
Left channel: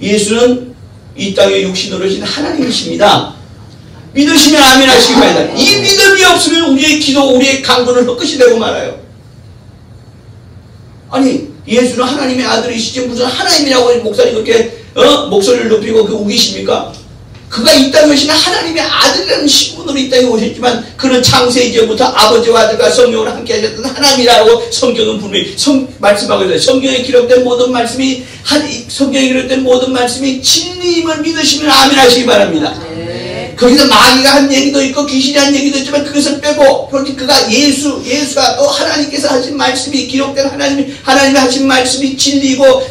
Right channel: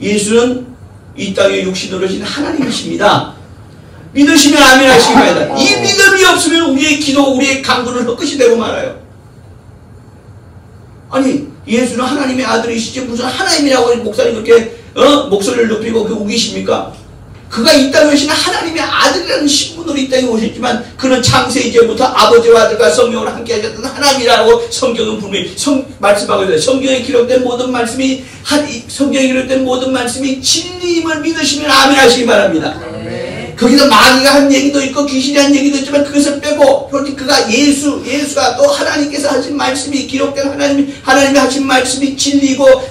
예수는 이 땅에 육신으로 오신 하나님이십니다. 믿으시면 아멘 하시기 바랍니다. 이 믿음이 없으면 우리의 기도, 우리의 강구는 헛것이 되고 말아요. 아니 예수는 하나님의 아들이시지 무슨 하나님이라고 목사님 그렇게 목소리를 높이고 우기십니까? 그가 이 땅에 오신 하나님의 아들이라는 신분으로 이 땅에 오셨지만 그는 창세 이전부터 아버지와 아들과 성령으로 함께 하셨던 하나님이라고 성경은 분명히 말씀하고 있어요. 성경에 기록된 모든 말씀이 진리임을 믿으시면 아멘 하시기 바랍니다. 거기서 마귀가 한 얘기도 있고 귀신이 한 얘기도 있지만 그것을 빼고 그가 예수가 또 하나님께서 하신 말씀이 기록된 하나님이 하신 말씀이 진리고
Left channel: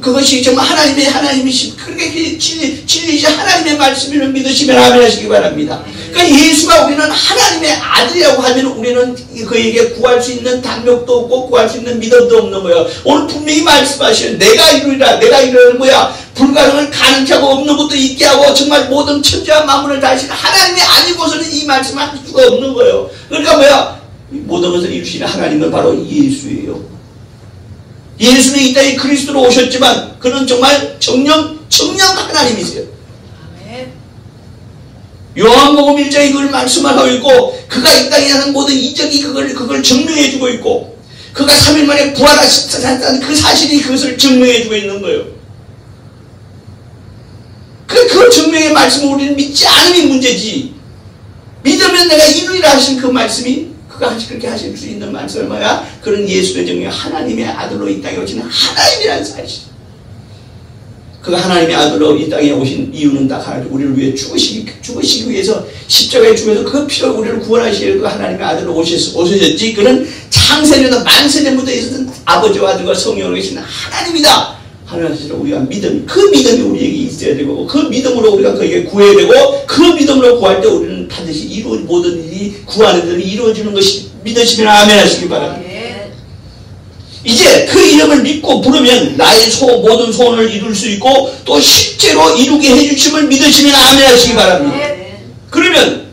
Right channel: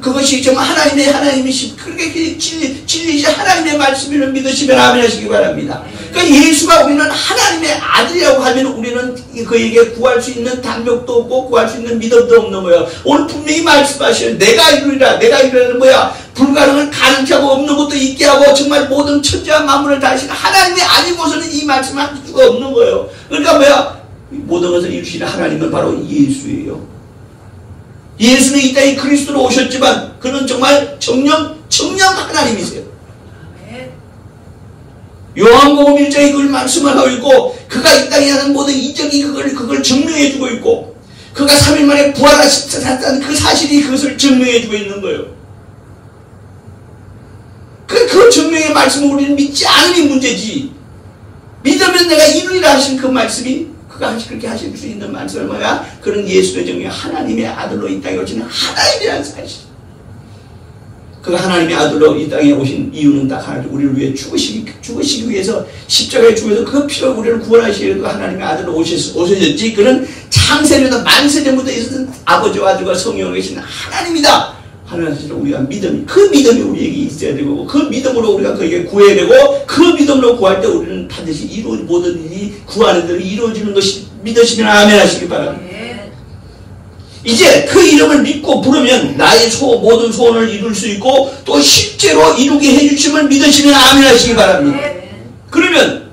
그것이 정말 하나님이시 그렇게 진리이시 하나님의 말씀을 믿으시면 아멘 하시기 바랍니다. 그러니까 예수가 우리는 하나님의 아들이라고 하면 우리는 그에게 구할 수 있는 담력도 없고 구할 수 있는 믿음도 없는 거예요. 오늘 분명히 말씀하시는 내가 이루리라는 뭐야? 불가능을 가능케 하고 없는 것도 있게 하고 정말 모든 천지와 만물을 다 하시는 하나님이 아니고서는 이 말씀을 할 수가 없는 거예요. 그러니까 뭐야? 모든 것을 이루시는 하나님은 바로 예수예요. 예수는 이 땅에 그리스도로 오셨지만 그는 정말 정령 하나님이세요. 요한복음 1장에 그걸 말씀하고 있고 그가 이 땅에 하는 모든 이적이 그걸 증명해주고 있고 그가 3일 만에 부활하셨다는 그 사실이 그것을 증명해주고 있는 거예요. 그 증명의 말씀을 우리는 믿지 않음이 문제지. 믿으면 내가 이루리라 하신 그 말씀이 그가 그렇게 하실 수 있는 말씀은 뭐야? 그런 예수의 정령 하나님의 아들로 이 땅에 오시는 하나님이라는 사실. 그가 하나님의 아들로 이 땅에 오신 이유는 딱 하나, 우리를 위해 죽으시기 위해서 십자가에 죽어서 그 피로 우리를 구원하시기 위해서 하나님의 아들로 오셨지. 그는 창세전부터 만세전부터 있었던 아버지와 아들과 성령으로 계시는 하나님이다. 하나님께서 우리가 그 믿음이 우리에게 있어야 되고 그 믿음으로 우리가 그에게 구해야 되고 그 믿음으로 구할 때 우리는 반드시 모든 일이 구하는 대로 이루어지는 것이 믿으시면 아멘 하시기 바랍니다. 이제 그 이름을 믿고 부르면 나의 모든 소원을 이룰 수 있고 또 실제로 이루게 해주심을 믿으시면 아멘 하시기 바랍니다. 그러면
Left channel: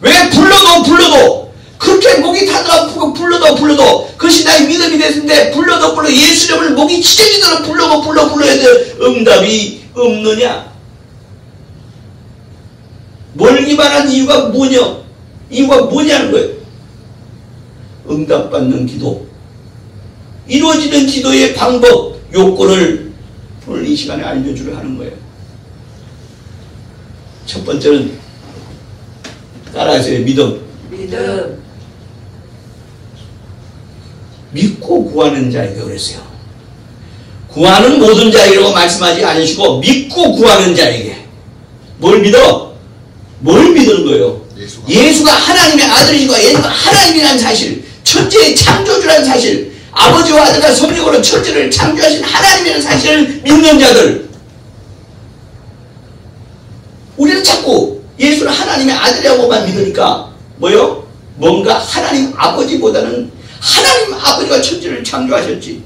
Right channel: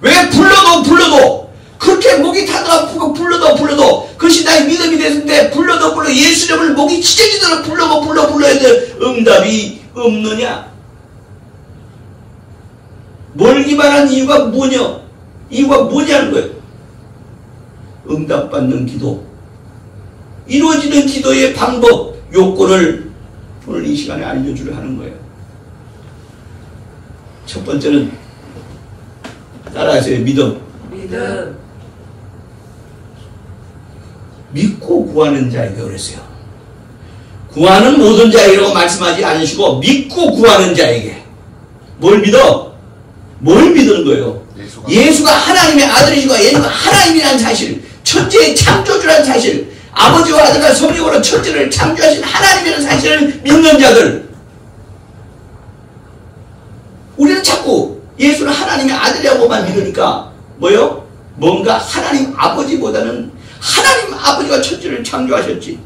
왜 불러도 그렇게 목이 타도 아프고 불러도 그것이 나의 믿음이 됐는데 불러도 예수 이름을 목이 찢어지도록 불러야 돼. 응답이 없느냐? 뭘 기반한 이유가 뭐냐는 거예요. 응답받는 기도, 이루어지는 기도의 방법, 요건을 오늘 이 시간에 알려주려 하는 거예요. 첫 번째는 따라하세요. 믿음. 믿고 구하는 자에게 그랬어요. 구하는 모든 자에게라고 말씀하지 않으시고 믿고 구하는 자에게. 뭘 믿는 거예요? 예수가 하나님의 아들이시고 예수가 하나님이라는 사실, 천지의 창조주라는 사실, 아버지와 아들과 성령으로 천지를 창조하신 하나님이라는 사실을 믿는 자들. 우리는 자꾸 예수는 하나님의 아들이라고만 믿으니까 뭐요? 뭔가 하나님 아버지보다는 하나님 아버지가 천지를 창조하셨지.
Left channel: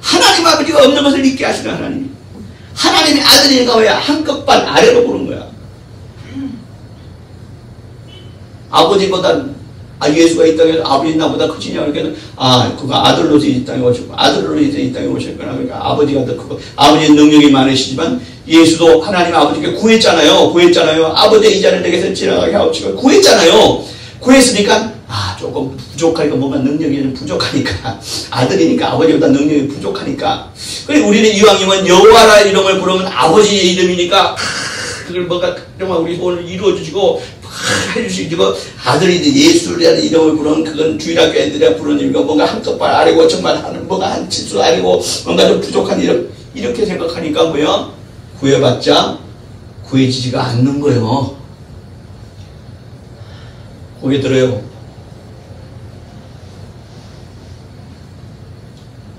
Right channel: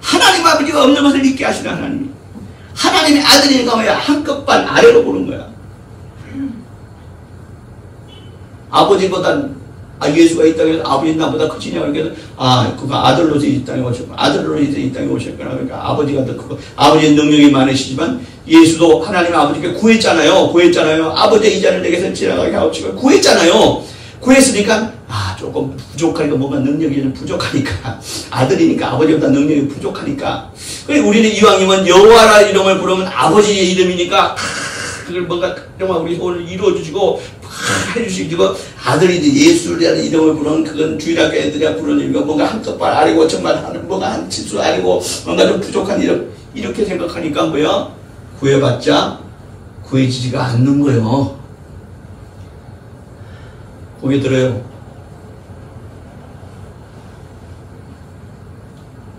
하나님 아버지가 없는 것을 믿게 하시는 하나님. 하나님의 아들이니까 왜 한급반 아래로 보는 거야. 아버지보다 예수가 이 땅에서 아버지 나보다 크지냐 그러니까 그가 아들로서 이 땅에 오셨고 아들로서 이 땅에 오셨구나. 그러니까 아버지가 더 크고 아버지의 능력이 많으시지만 예수도 하나님 아버지께 구했잖아요. 아버지의 이자를 내게서 지나가게 하옵시고 구했잖아요. 구했으니까 조금 부족하니까 뭔가 능력이 좀 부족하니까 아들이니까 아버지보다 능력이 부족하니까 우리는 이왕이면 여호와라 이름을 부르면 아버지의 이름이니까 그걸 뭔가 정말 우리 소원을 이루어주시고 해주시고 아들이 예수라는 이름을 부르면 그건 주일학교 애들이 부르는 이거 뭔가 한껏발 아래고 정말 뭔가 한 칠수 아래고 뭔가 좀 부족한 이렇게 생각하니까 뭐야? 구해봤자 구해지지가 않는 거예요. 고개 들어요.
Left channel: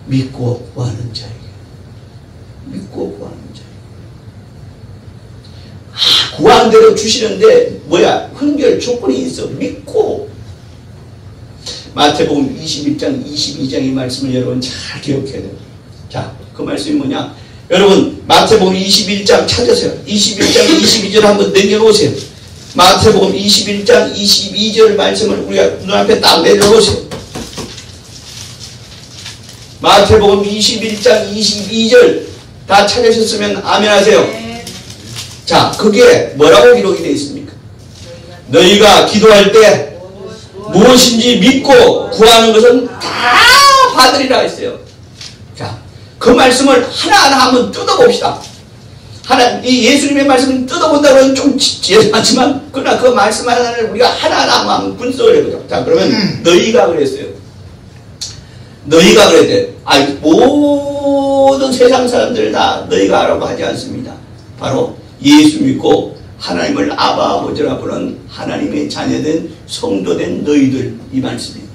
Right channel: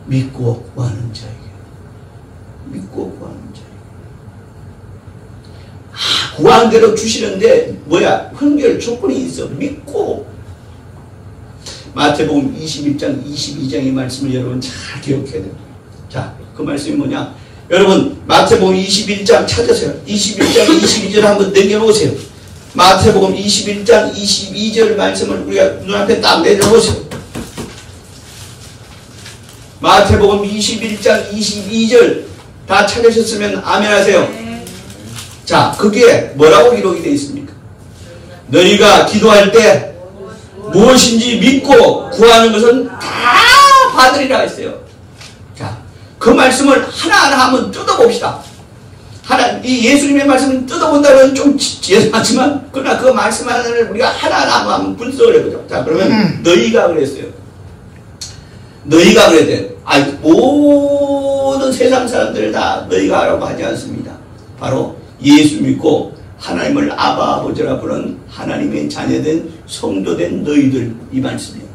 믿고 구하는 자에게. 구하는 대로 주시는데 뭐야? 흥결 조건이 있어. 믿고. 마태복음 21장 22장의 말씀을 여러분 잘 기억해야 됩니다. 자, 그 말씀이 뭐냐? 여러분 마태복음 21장 찾으세요. 21장 22절 한번 남겨놓으세요. 마태복음 21장 22절 말씀을 우리가 눈앞에 딱 내려놓으세요. 마태복음 21장 22절 다 찾으셨으면 아멘 하세요. 자, 그게 뭐라고 기록이 되어 있습니까? 너희가 기도할 때 무엇인지 믿고 구하는 것은 다 받으리라 했어요. 자, 그 말씀을 하나하나 한번 뜯어봅시다. 이 예수님의 말씀을 뜯어본다고 좀 죄송하지만, 그러나 그 말씀 하나를 우리가 하나하나 한번 분석을 해보자. 자, 그러면 너희가 그랬어요. 너희가 그랬대. 모든 세상 사람들 다 너희가 하라고 하지 않습니다. 바로 예수 믿고 하나님을 아바 아버지라 부르는 하나님의 자녀된 성도된 너희들, 이 말씀이에요.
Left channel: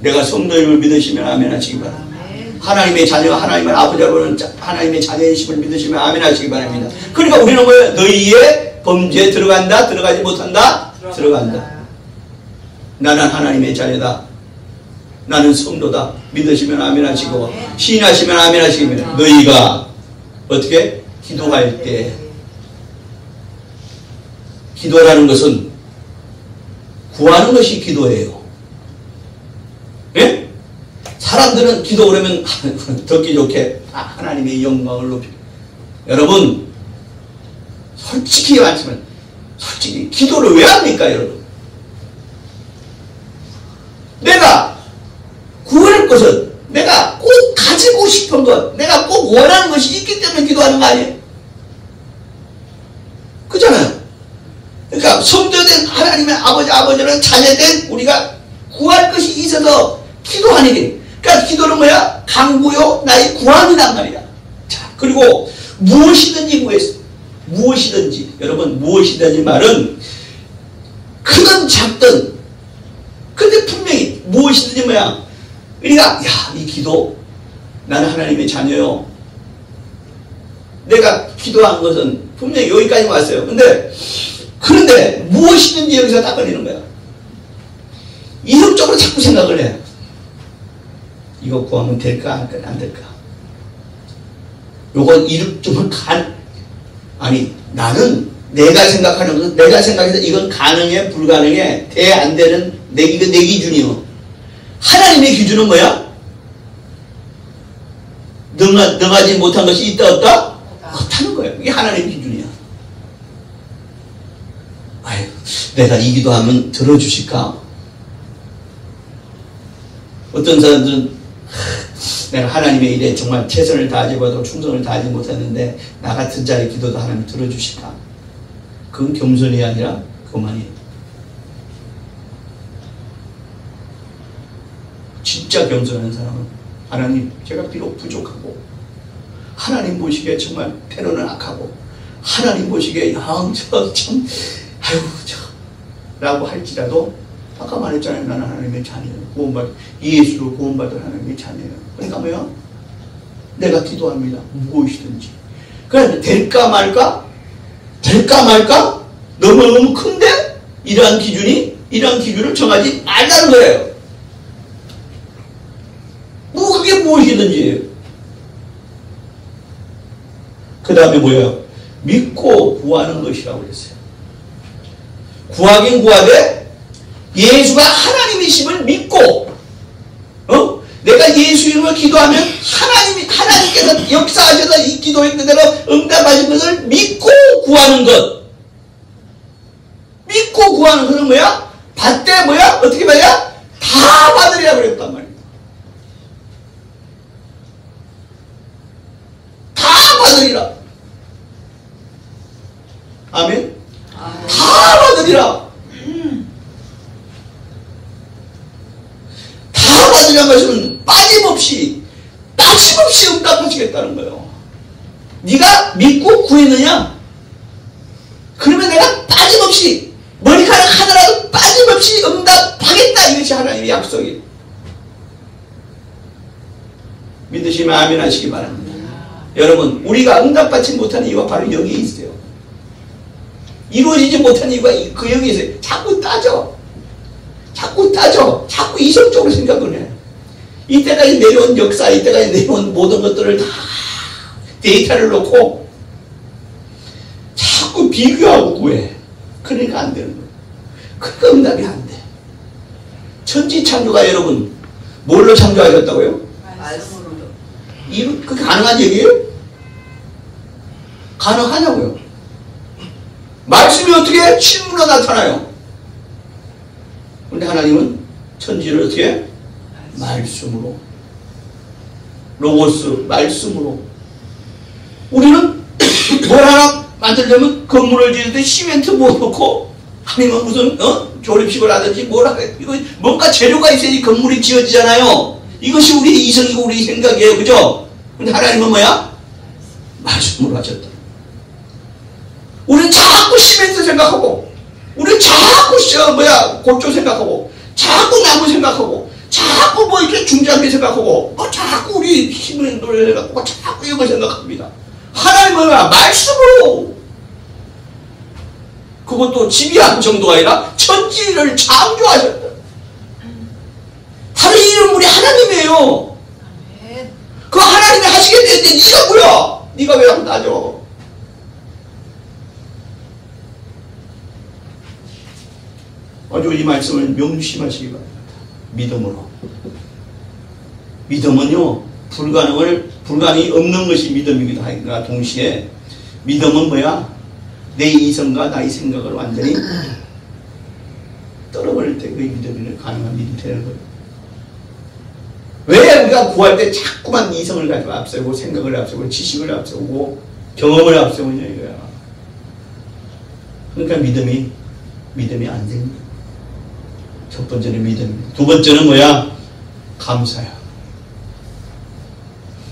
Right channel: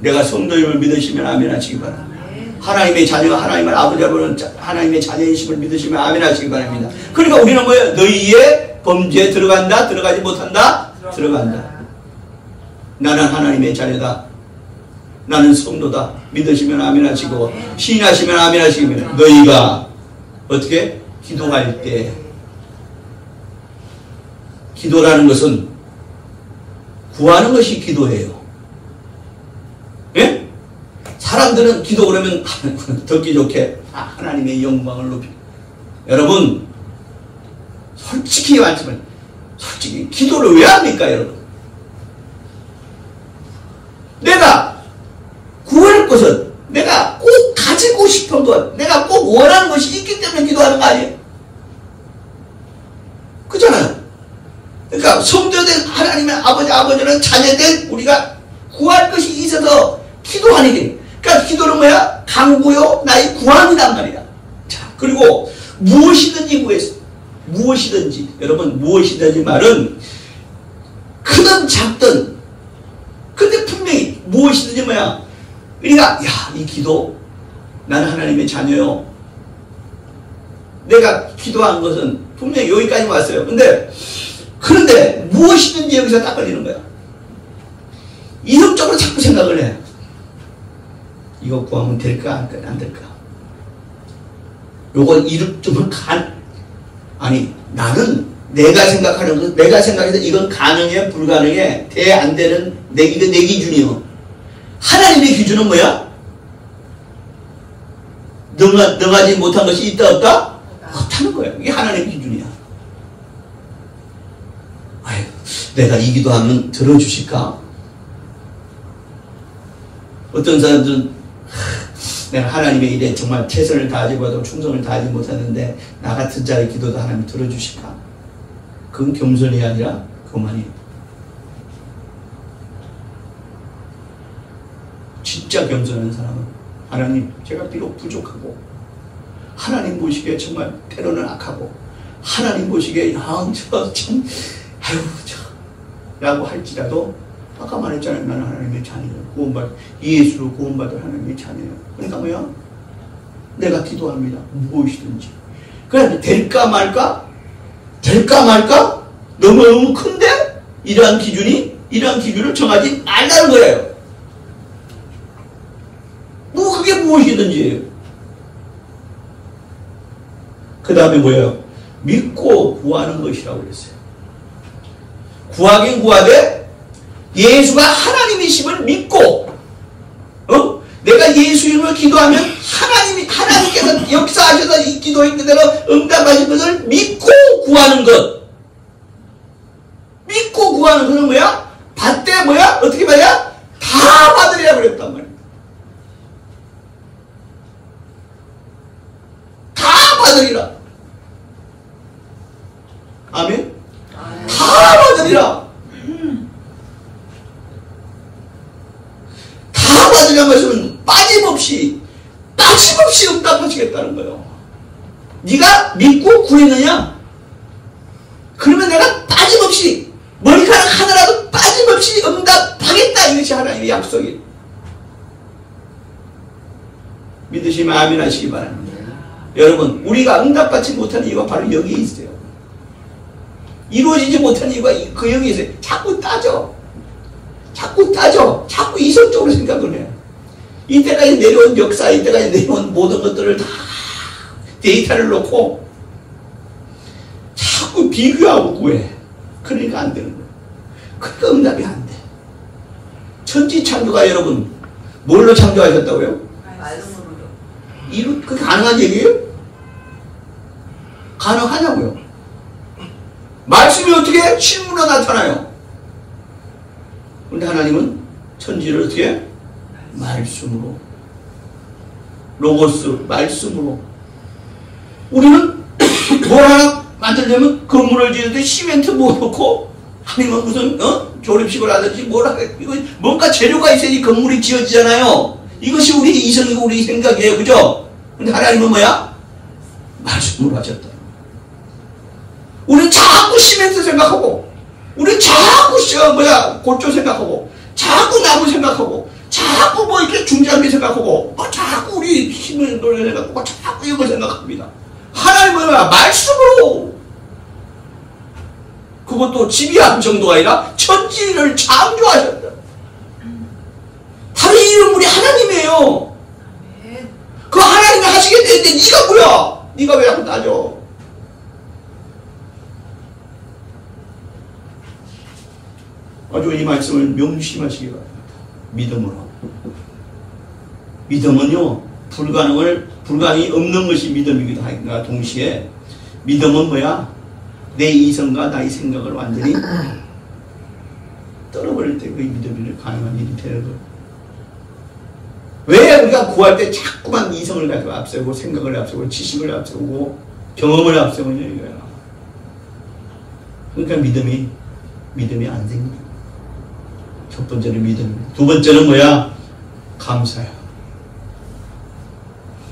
내가 성도임을 믿으시면 아멘 하시기 바랍니다. 하나님의 자녀가 하나님을 아버지라 부르는 하나님의 자녀이심을 믿으시면 아멘 하시기 바랍니다. 그러니까 우리는 뭐예요? 너희의 범죄에 들어간다? 들어가지 못한다? 들어간다. 나는 하나님의 자녀다. 나는 성도다. 믿으시면 아멘 하시고, 시인하시면 아멘 하시기 바랍니다. 너희가 어떻게? 기도할 때, 기도라는 것은 구하는 것이 기도예요. 예? 사람들은 기도 그러면 듣기 좋게 하나님의 영광을 높이. 여러분, 솔직히 말씀을, 솔직히 기도를 왜 합니까, 여러분? 내가 구할 것은, 내가 꼭 가지고 싶은 것, 내가 꼭 원하는 것이 있기 때문에 기도하는 거 아니에요? 그렇잖아요. 그러니까 성도된 하나님의 아버지는 자녀된 우리가 구할 것이 있어서 기도하는 게. 그러니까 기도는 뭐야? 간구요 나의 구함이란 말이야. 자, 그리고 무엇이든지 여러분, 무엇이든지 말은 크든 작든, 근데 분명히 무엇이든지 뭐야? 우리가 이 기도, 나는 하나님의 자녀요. 내가 기도한 것은 분명히 여기까지 왔어요. 그런데 무엇이든지 여기서 딱 걸리는 거야. 이성적으로 자꾸 생각을 해. 이거 구하면 될까? 안 될까? 요건 이름쯤은 아니, 나는 내가 생각하는 것, 내가 생각해서 이건 가능해, 불가능해, 돼, 안 되는 내 기준이요. 하나님의 기준은 뭐야? 능하지 못한 것이 있다, 없다? 없다는 거야. 이게 하나님의 기준이야. 내가 이 기도하면 들어주실까? 어떤 사람들은 내가 하나님의 일에 정말 최선을 다하지 봐도 충성을 다하지 못했는데 나 같은 자의 기도도 하나님 들어주실까? 그건 겸손이 아니라 그만이. 진짜 겸손한 사람은 하나님, 제가 비록 부족하고 하나님 보시기에 정말 때로는 악하고 하나님 보시기에 라고 할지라도 아까 말했잖아요. 나는 하나님의 자녀예요. 예수로 구원받은 하나님의 자녀예요. 그러니까 뭐야? 내가 기도합니다. 무엇이든지. 그러니까 될까 말까? 될까 말까? 너무너무 큰데? 이러한 기준을 정하지 말라는 거예요. 그게 무엇이든지예요. 그 다음에 뭐예요? 믿고 구하는 것이라고 그랬어요. 구하긴 구하되 예수가 하나님이심을 믿고, 내가 예수 이름을 기도하면 하나님께서 역사하셔서 이 기도의 그대로 응답하신 것을 믿고 구하는 것. 믿고 구하는 것은 뭐야? 받되 뭐야? 어떻게 말이야? 다 받으리라 그랬단 말이야. 다 받으리라. 아멘? 다 받으리라. 다 받으려는 것은 빠짐없이 응답하시겠다는 거예요. 네가 믿고 구했느냐? 그러면 내가 빠짐없이, 머리카락 하나라도 빠짐없이 응답하겠다. 이것이 하나님의 약속이에요. 믿으시면 아멘 하시기 바랍니다. 여러분, 우리가 응답받지 못하는 이유가 바로 여기에 있어요. 이루어지지 못하는 이유가 그 여기에 있어요. 자꾸 따져. 자꾸 이성적으로 생각을 해요. 이때까지 내려온 역사, 이때까지 내려온 모든 것들을 다 데이터를 놓고 자꾸 비교하고 구해. 그러니까 안 되는 거예요. 그러니까 응답이 안 돼. 천지 창조가 여러분 뭘로 창조하셨다고요? 말씀으로. 그게 가능한 얘기예요? 가능하냐고요? 말씀이 어떻게 실물로 나타나요? 근데 하나님은 천지를 어떻게? 말씀으로. 로고스, 말씀으로. 우리는 뭘 하나 만들려면 건물을 지을 때 시멘트 못 넣고 아니면 무슨 조립식을 하든지 뭘 하겠 이거 뭔가 재료가 있어야지 건물이 지어지잖아요. 이것이 우리 이성이고 우리 생각이에요. 그죠? 근데 하나님은 뭐야? 말씀으로 하셨다. 우리는 자꾸 시멘트 생각하고 우리는 자꾸 고조 생각하고 자꾸 나무 생각하고 자꾸 뭐 이렇게 중장비 생각하고 자꾸 우리 힘을 노래 생각하고 자꾸 이거 생각합니다. 하나님은 말씀으로 그것도 지비한 정도가 아니라 천지를 창조하셨다. 바로 이 인물이 하나님이에요. 그 하나님이 하시게 되는데 네가 뭐야? 네가 왜 자꾸 따져? 아주 이 말씀을 명심하시기 바랍니다. 믿음으로. 믿음은요, 불가능이 없는 것이 믿음이기도 하니까 동시에 믿음은 뭐야? 내 이성과 나의 생각을 완전히 떨어버릴 때 그 믿음이 가능한 일이 되는 거예요. 왜 우리가 구할 때 자꾸만 이성을 가지고 앞세우고 생각을 앞세우고 지식을 앞세우고 경험을 앞세우냐 이거야. 그러니까 믿음이 안 생깁니다. 첫 번째는 믿음입니다. 두 번째는 뭐야? 감사야.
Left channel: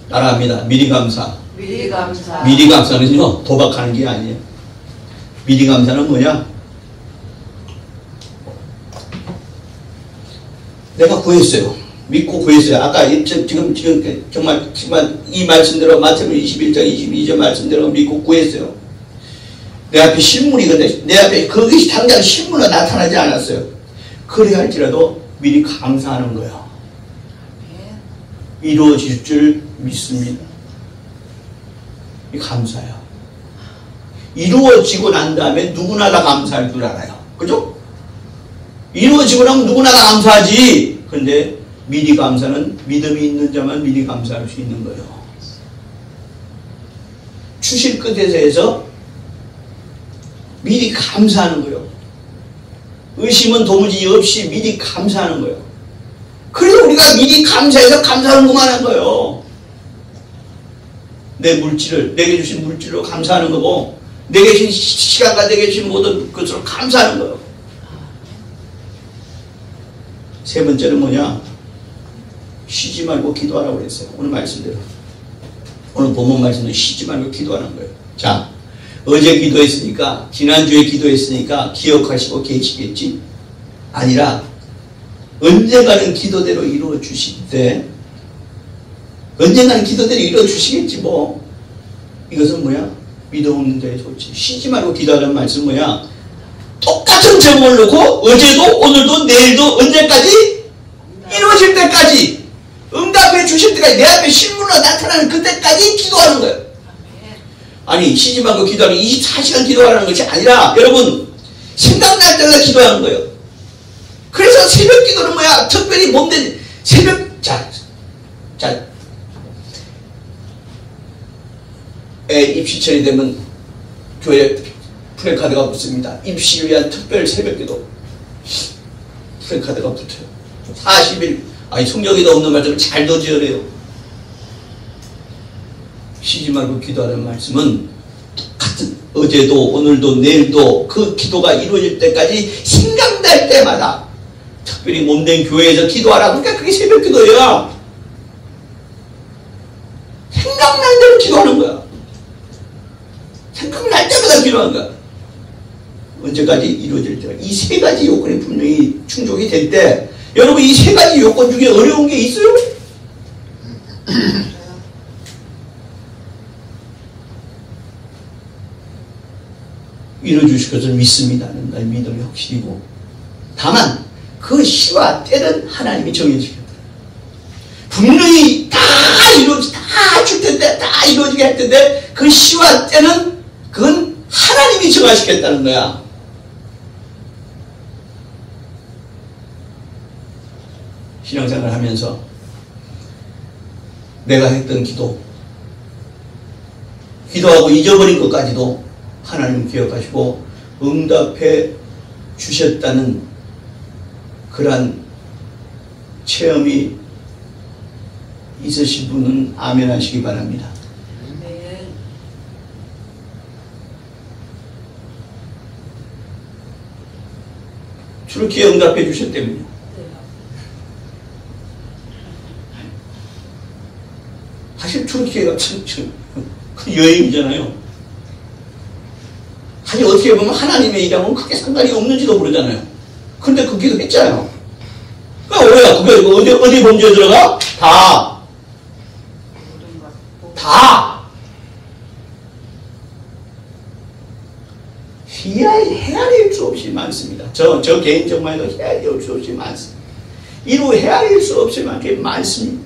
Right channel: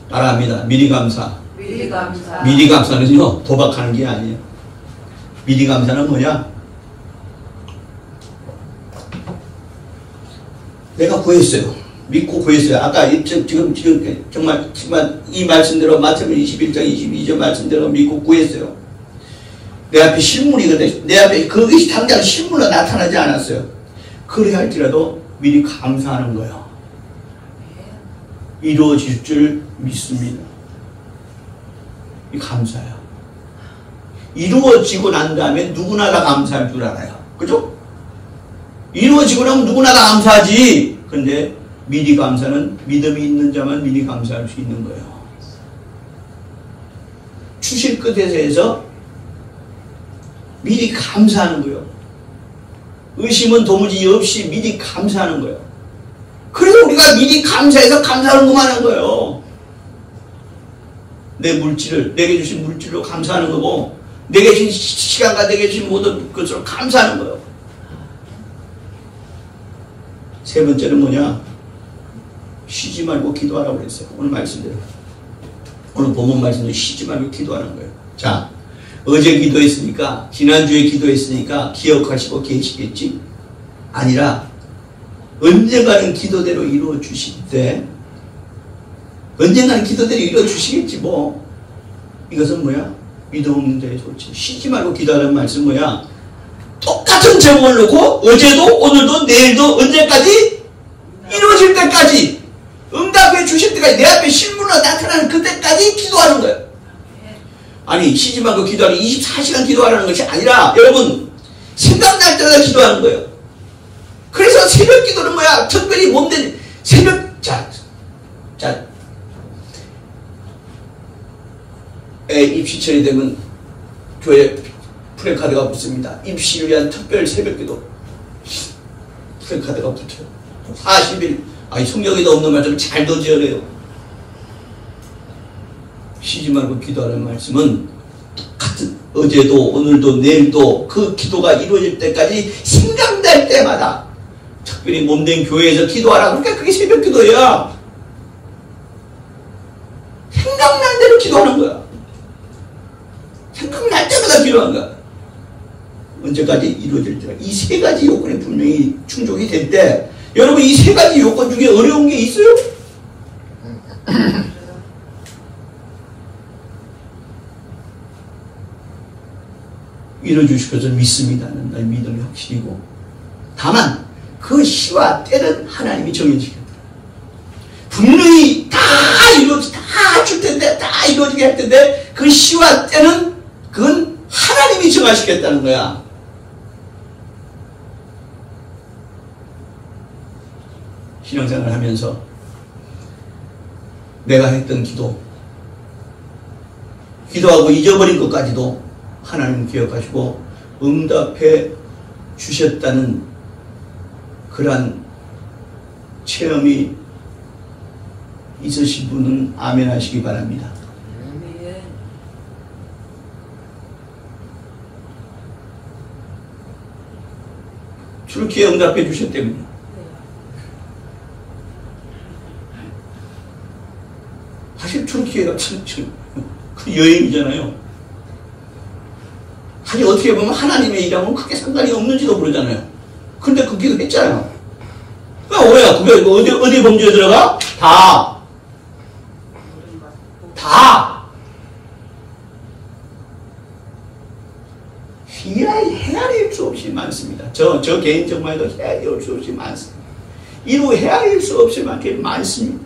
따라합니다. 미리 감사. 미리 감사. 미리 감사는요, 도박하는 게 아니에요. 미리 감사는 뭐냐? 내가 구했어요. 믿고 구했어요. 아까 지금 정말 이 말씀대로 마태복음 21장 22절 말씀대로 믿고 구했어요. 내 앞에 실물이거든요. 내 앞에 그것이 당장 실물로 나타나지 않았어요. 그래야 할지라도 미리 감사하는 거예요. 이루어질 줄 믿습니다. 이 감사예요. 이루어지고 난 다음에 누구나 다 감사할 줄 알아요. 그죠? 이루어지고 나면 누구나 다 감사하지. 근데 미리 감사는 믿음이 있는 자만 미리 감사할 수 있는 거예요. 추실 끝에서 해서 미리 감사하는 거예요. 의심은 도무지 없이 미리 감사하는 거예요. 그래서 우리가 미리 감사해서 감사하는 것만 한 거예요. 내게 주신 물질로 감사하는 거고, 내게 주신 시간과 내게 주신 모든 것으로 감사하는 거예요. 세 번째는 뭐냐? 쉬지 말고 기도하라고 그랬어요. 오늘 말씀대로. 오늘 본문 말씀도 쉬지 말고 기도하는 거예요. 자, 어제 기도했으니까, 지난주에 기도했으니까 기억하시고 계시겠지? 아니라 언젠가는 기도대로 이루어 주실 때, 언젠가는 기도대로 이루어 주시겠지 뭐. 이것은 뭐야? 믿음 없는 자의 소치. 쉬지 말고 기도하는 말씀 뭐야? 똑같은 제목을 놓고 어제도 오늘도 내일도 언제까지? 이루어질 때까지, 응답해 주실 때까지, 내 앞에 실물로 나타나는 그때까지 기도하는 거예요. 아니, 쉬지 말고 기도하는 24시간 기도하라는 것이 아니라, 여러분, 생각날 때마다 기도하는 거예요. 그래서 새벽 기도는 뭐야? 특별히 몸된 새벽, 입시철이 되면 교회 프레카드가 붙습니다. 입시를 위한 특별 새벽 기도. 프레카드가 붙어요. 40일, 성경에도 없는 말씀을 잘도 지어내요. 쉬지 말고 기도하는 말씀은 똑같은 어제도 오늘도 내일도 그 기도가 이루어질 때까지 생각날 때마다 특별히 몸된 교회에서 기도하라. 그러니까 그게 새벽 기도야. 생각날 대로 기도하는 거야. 생각날 때마다 기도하는 거야. 언제까지 이루어질 때가. 이 세 가지 요건이 분명히 충족이 될 때, 여러분 이 세 가지 요건 중에 어려운 게 있어요? 이루어주실 것을 믿습니다는 나의 믿음이 확실이고, 다만 그 시와 때는 하나님이 정해주겠다. 분명히 다 줄 텐데, 다 이루어지게 할 텐데, 그 시와 때는 그건 하나님이 정하시겠다는 거야. 신앙생활을 하면서 내가 했던 기도하고 잊어버린 것까지도 하나님 기억하시고 응답해 주셨다는 그러한 체험이 있으신 분은 아멘 하시기 바랍니다. 트루키에 응답해 주셨다면요. 사실 트루키가 참 큰 여행이잖아요. 사실 어떻게 보면 하나님의 일하고는 크게 상관이 없는지도 모르잖아요. 근데 그 기도 했잖아요. 그러니까 뭐야? 그게 어디 범죄에 들어가? 다. 헤아릴 수 없이 많습니다. 저 개인 정말도 헤아릴 수 없이 많습니다. 이루 헤아릴 수 없을 만큼 많습니다.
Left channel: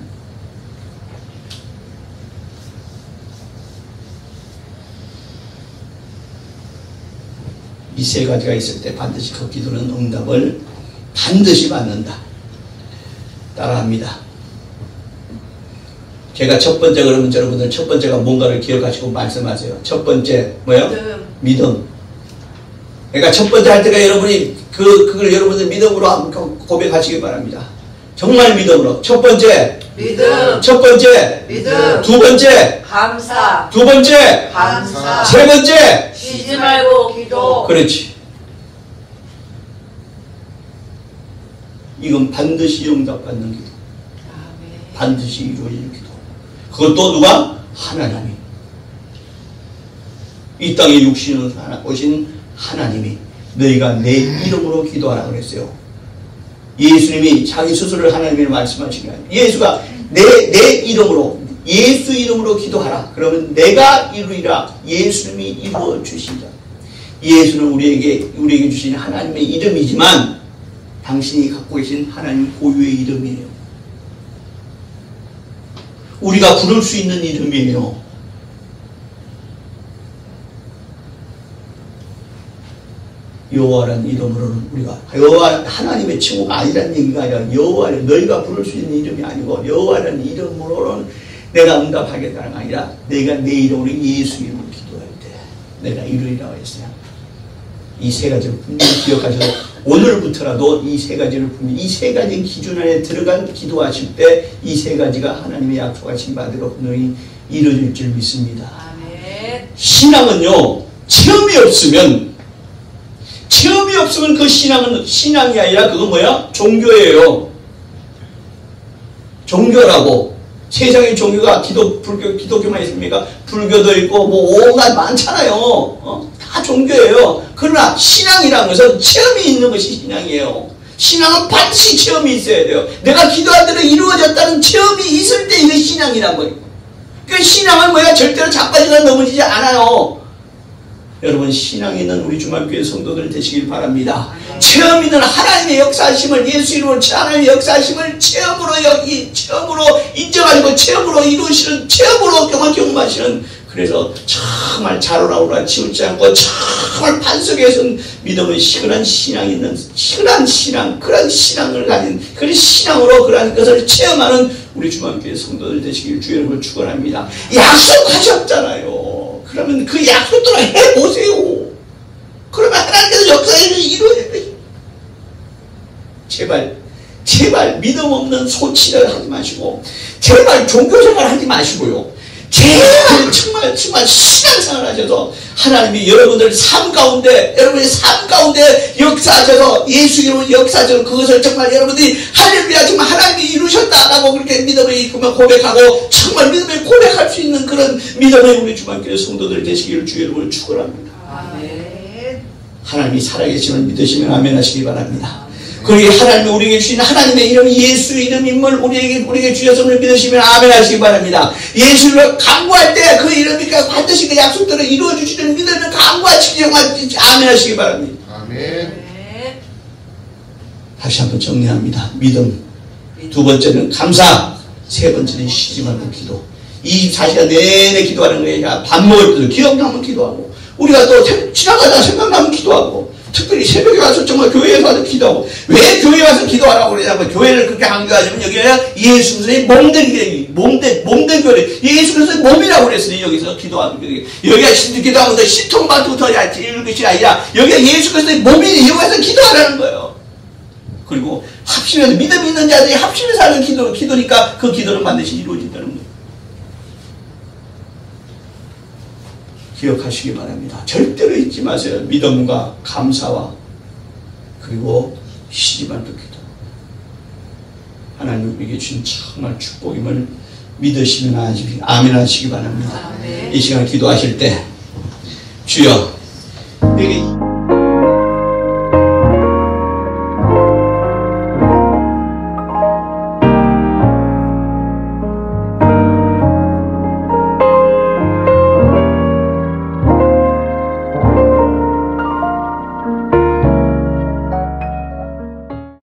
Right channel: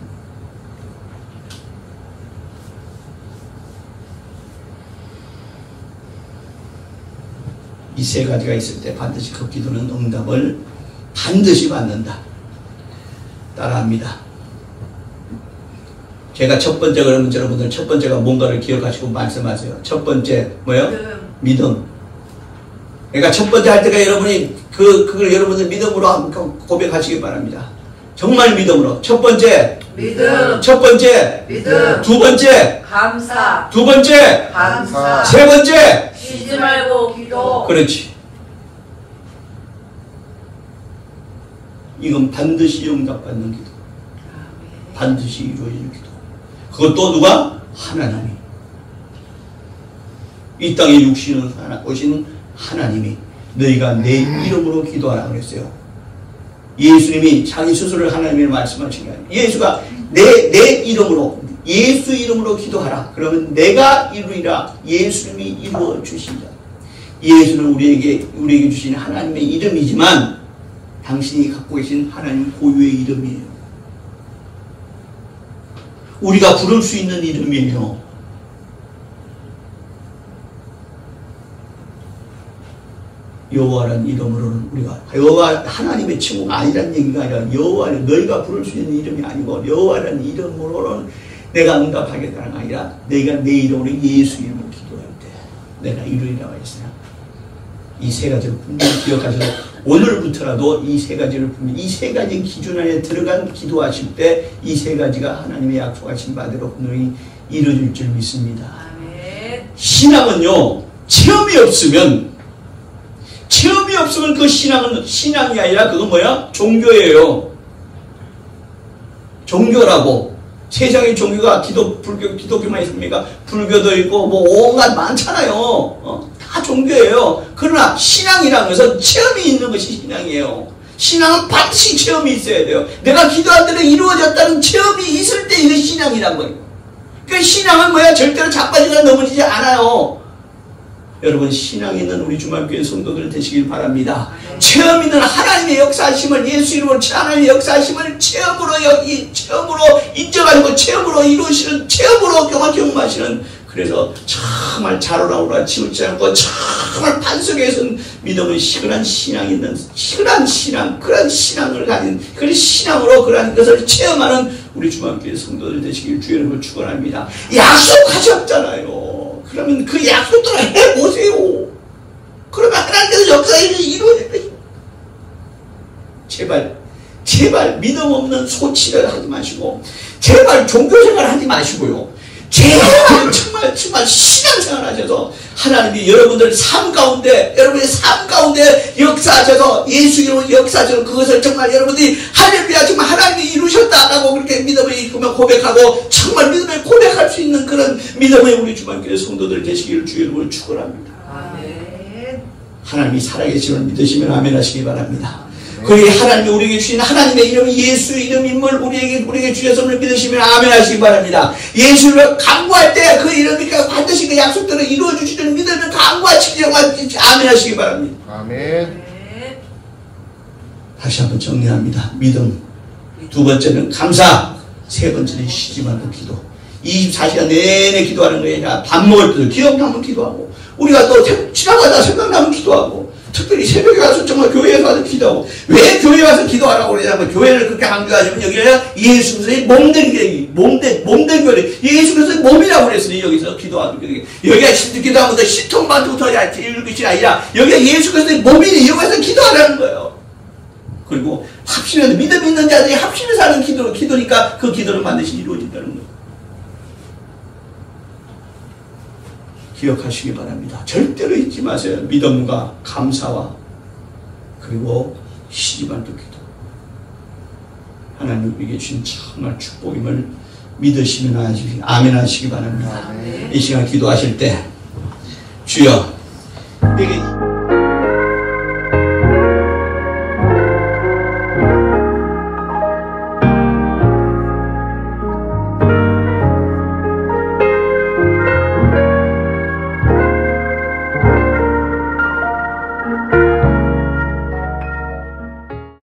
이 세 가지가 있을 때 반드시 그 기도는 응답을 반드시 받는다. 따라합니다. 제가 첫 번째 그러면 여러분들 첫 번째가 뭔가를 기억하시고 말씀하세요. 첫 번째 뭐요? 믿음. 그러니까 첫 번째 할 때가 여러분이 그걸 여러분들 믿음으로 고백하시기 바랍니다. 정말 믿음으로. 첫 번째 믿음. 첫 번째 믿음. 두 번째 감사. 두 번째 감사. 세 번째 쉬지 말고 기도. 그렇지. 이건 반드시 응답받는 기도. 반드시 이루어질 기도. 그것도 누가? 하나님이. 이 땅에 육신을 오신 하나님이 너희가 내 이름으로 기도하라 그랬어요. 예수님이 자기 스스로를 하나님을 말씀하신 거예요. 예수가 내 이름으로 예수 이름으로 기도하라. 그러면 내가 이루리라. 예수님이 이루어 주신다. 예수는 우리에게 주신 하나님의 이름이지만 당신이 갖고 계신 하나님 고유의 이름이에요. 우리가 부를 수 있는 이름이에요. 여호와라는 이름으로는 우리가 여호와 하나님의 친구가 아니라는 얘기가 아니라 여호와는 너희가 부를 수 있는 이름이 아니고 여호와라는 이름으로는 내가 응답하겠다는 게 아니라 내가 내 이름으로 예수 이름으로 기도할 때 내가 이루리라고 했어요. 이 세 가지를 분명히 기억하셔서 오늘부터라도 이 세 가지를 분명히 이 세 가지 기준 안에 들어간 기도하실 때 이 세 가지가 하나님의 약속하신 바대로 분명히 이루어질 줄 믿습니다. 신앙은요 체험이 없으면 그 신앙은 신앙이 아니라 그건 뭐야? 종교예요. 종교라고. 세상의 종교가 기독교만 있습니까? 불교도 있고 뭐 온갖 많잖아요. 다 종교예요. 그러나 신앙이라는 것은 체험이 있는 것이 신앙이에요. 신앙은 반드시 체험이 있어야 돼요. 내가 기도한 대로 이루어졌다는 체험이 있을 때 이게 신앙이란 거예요. 그러니까 신앙은 뭐야? 절대로 자빠지거나 넘어지지 않아요. 여러분 신앙이 있는 우리 주말교회 성도들 되시길 바랍니다. 체험 있는 하나님의 역사하심을 예수 이름으로 하나님의 역사하심을 체험으로 인정하시고 체험으로 이루시는 체험으로 경험하시는 그래서 정말 자로라오라 치우지 않고 정말 반석에서 믿음의 시그한 신앙이 있는 시그한 신앙 그런 신앙을 가진 그런 신앙으로 그런 것을 체험하는 우리 주말교회 성도들 되시길 주 여러분을 축원합니다. 약속하셨잖아요. 그러면 그 약속대로 해보세요. 그러면 하나님께서 역사를 이루어질 것입니다. 제발 믿음 없는 소치를 하지 마시고 제발 종교생활 하지 마시고요. 제발 정말 신앙생활 하셔서 하나님이 여러분의 삶 가운데 역사하셔서 예수 이름으로 역사하셔서 그것을 정말 여러분들이 할렐루야 정말 하나님이 이루셨다라고 그렇게 믿음을 고백하고 정말 믿음을 고백할 수 있는 그런 믿음의 우리 주말교회 성도들 되시기를 주 여러분을 축원합니다. 하나님이 살아계심을 믿으시면 아멘 하시기 바랍니다. 그리고 하나님이 우리에게 주신 하나님의 이름 예수 이름임을 우리에게 주셨음을 믿으시면 아멘 하시기 바랍니다. 예수를 간구할 때 그 이름이 반드시 그 약속대로 이루어 주시는 믿음을 간구하시기 아멘 하시기 바랍니다. 아멘. 다시 한번 정리합니다. 믿음. 두 번째는 감사. 세 번째는 쉬지 말고 기도. 24시간 내내 기도하는 거예요. 밥 먹을 때도 기억나면 기도하고 우리가 또 지나가다가 생각나면 기도하고 특별히 새벽에 와서 정말 교회에 가서 기도하고 왜 교회에 와서 기도하라고 그러냐면 교회를 그렇게 강조하시면 여기가 예수 그리스도의 몸된 교회 예수 그리스도의 몸이라고 그랬으니 여기서 기도하는 거예요. 여기가 기도하면 더 시통만 두터야 이런 것이 아니라 여기가 예수 그리스도의 몸이니 여기서 기도하라는 거예요. 그리고 합심해서 믿음 있는 자들이 합심해서 하는 기도니까 그 기도는 반드시 이루어진다는 거예요. 기억하시기 바랍니다. 절대로 잊지 마세요. 믿음과 감사와 그리고 시집안 듣기도 하나님 우리에게 주신 정말 축복임을 믿으시면 아멘 하시기 바랍니다. 이 시간 기도하실 때 주여 내게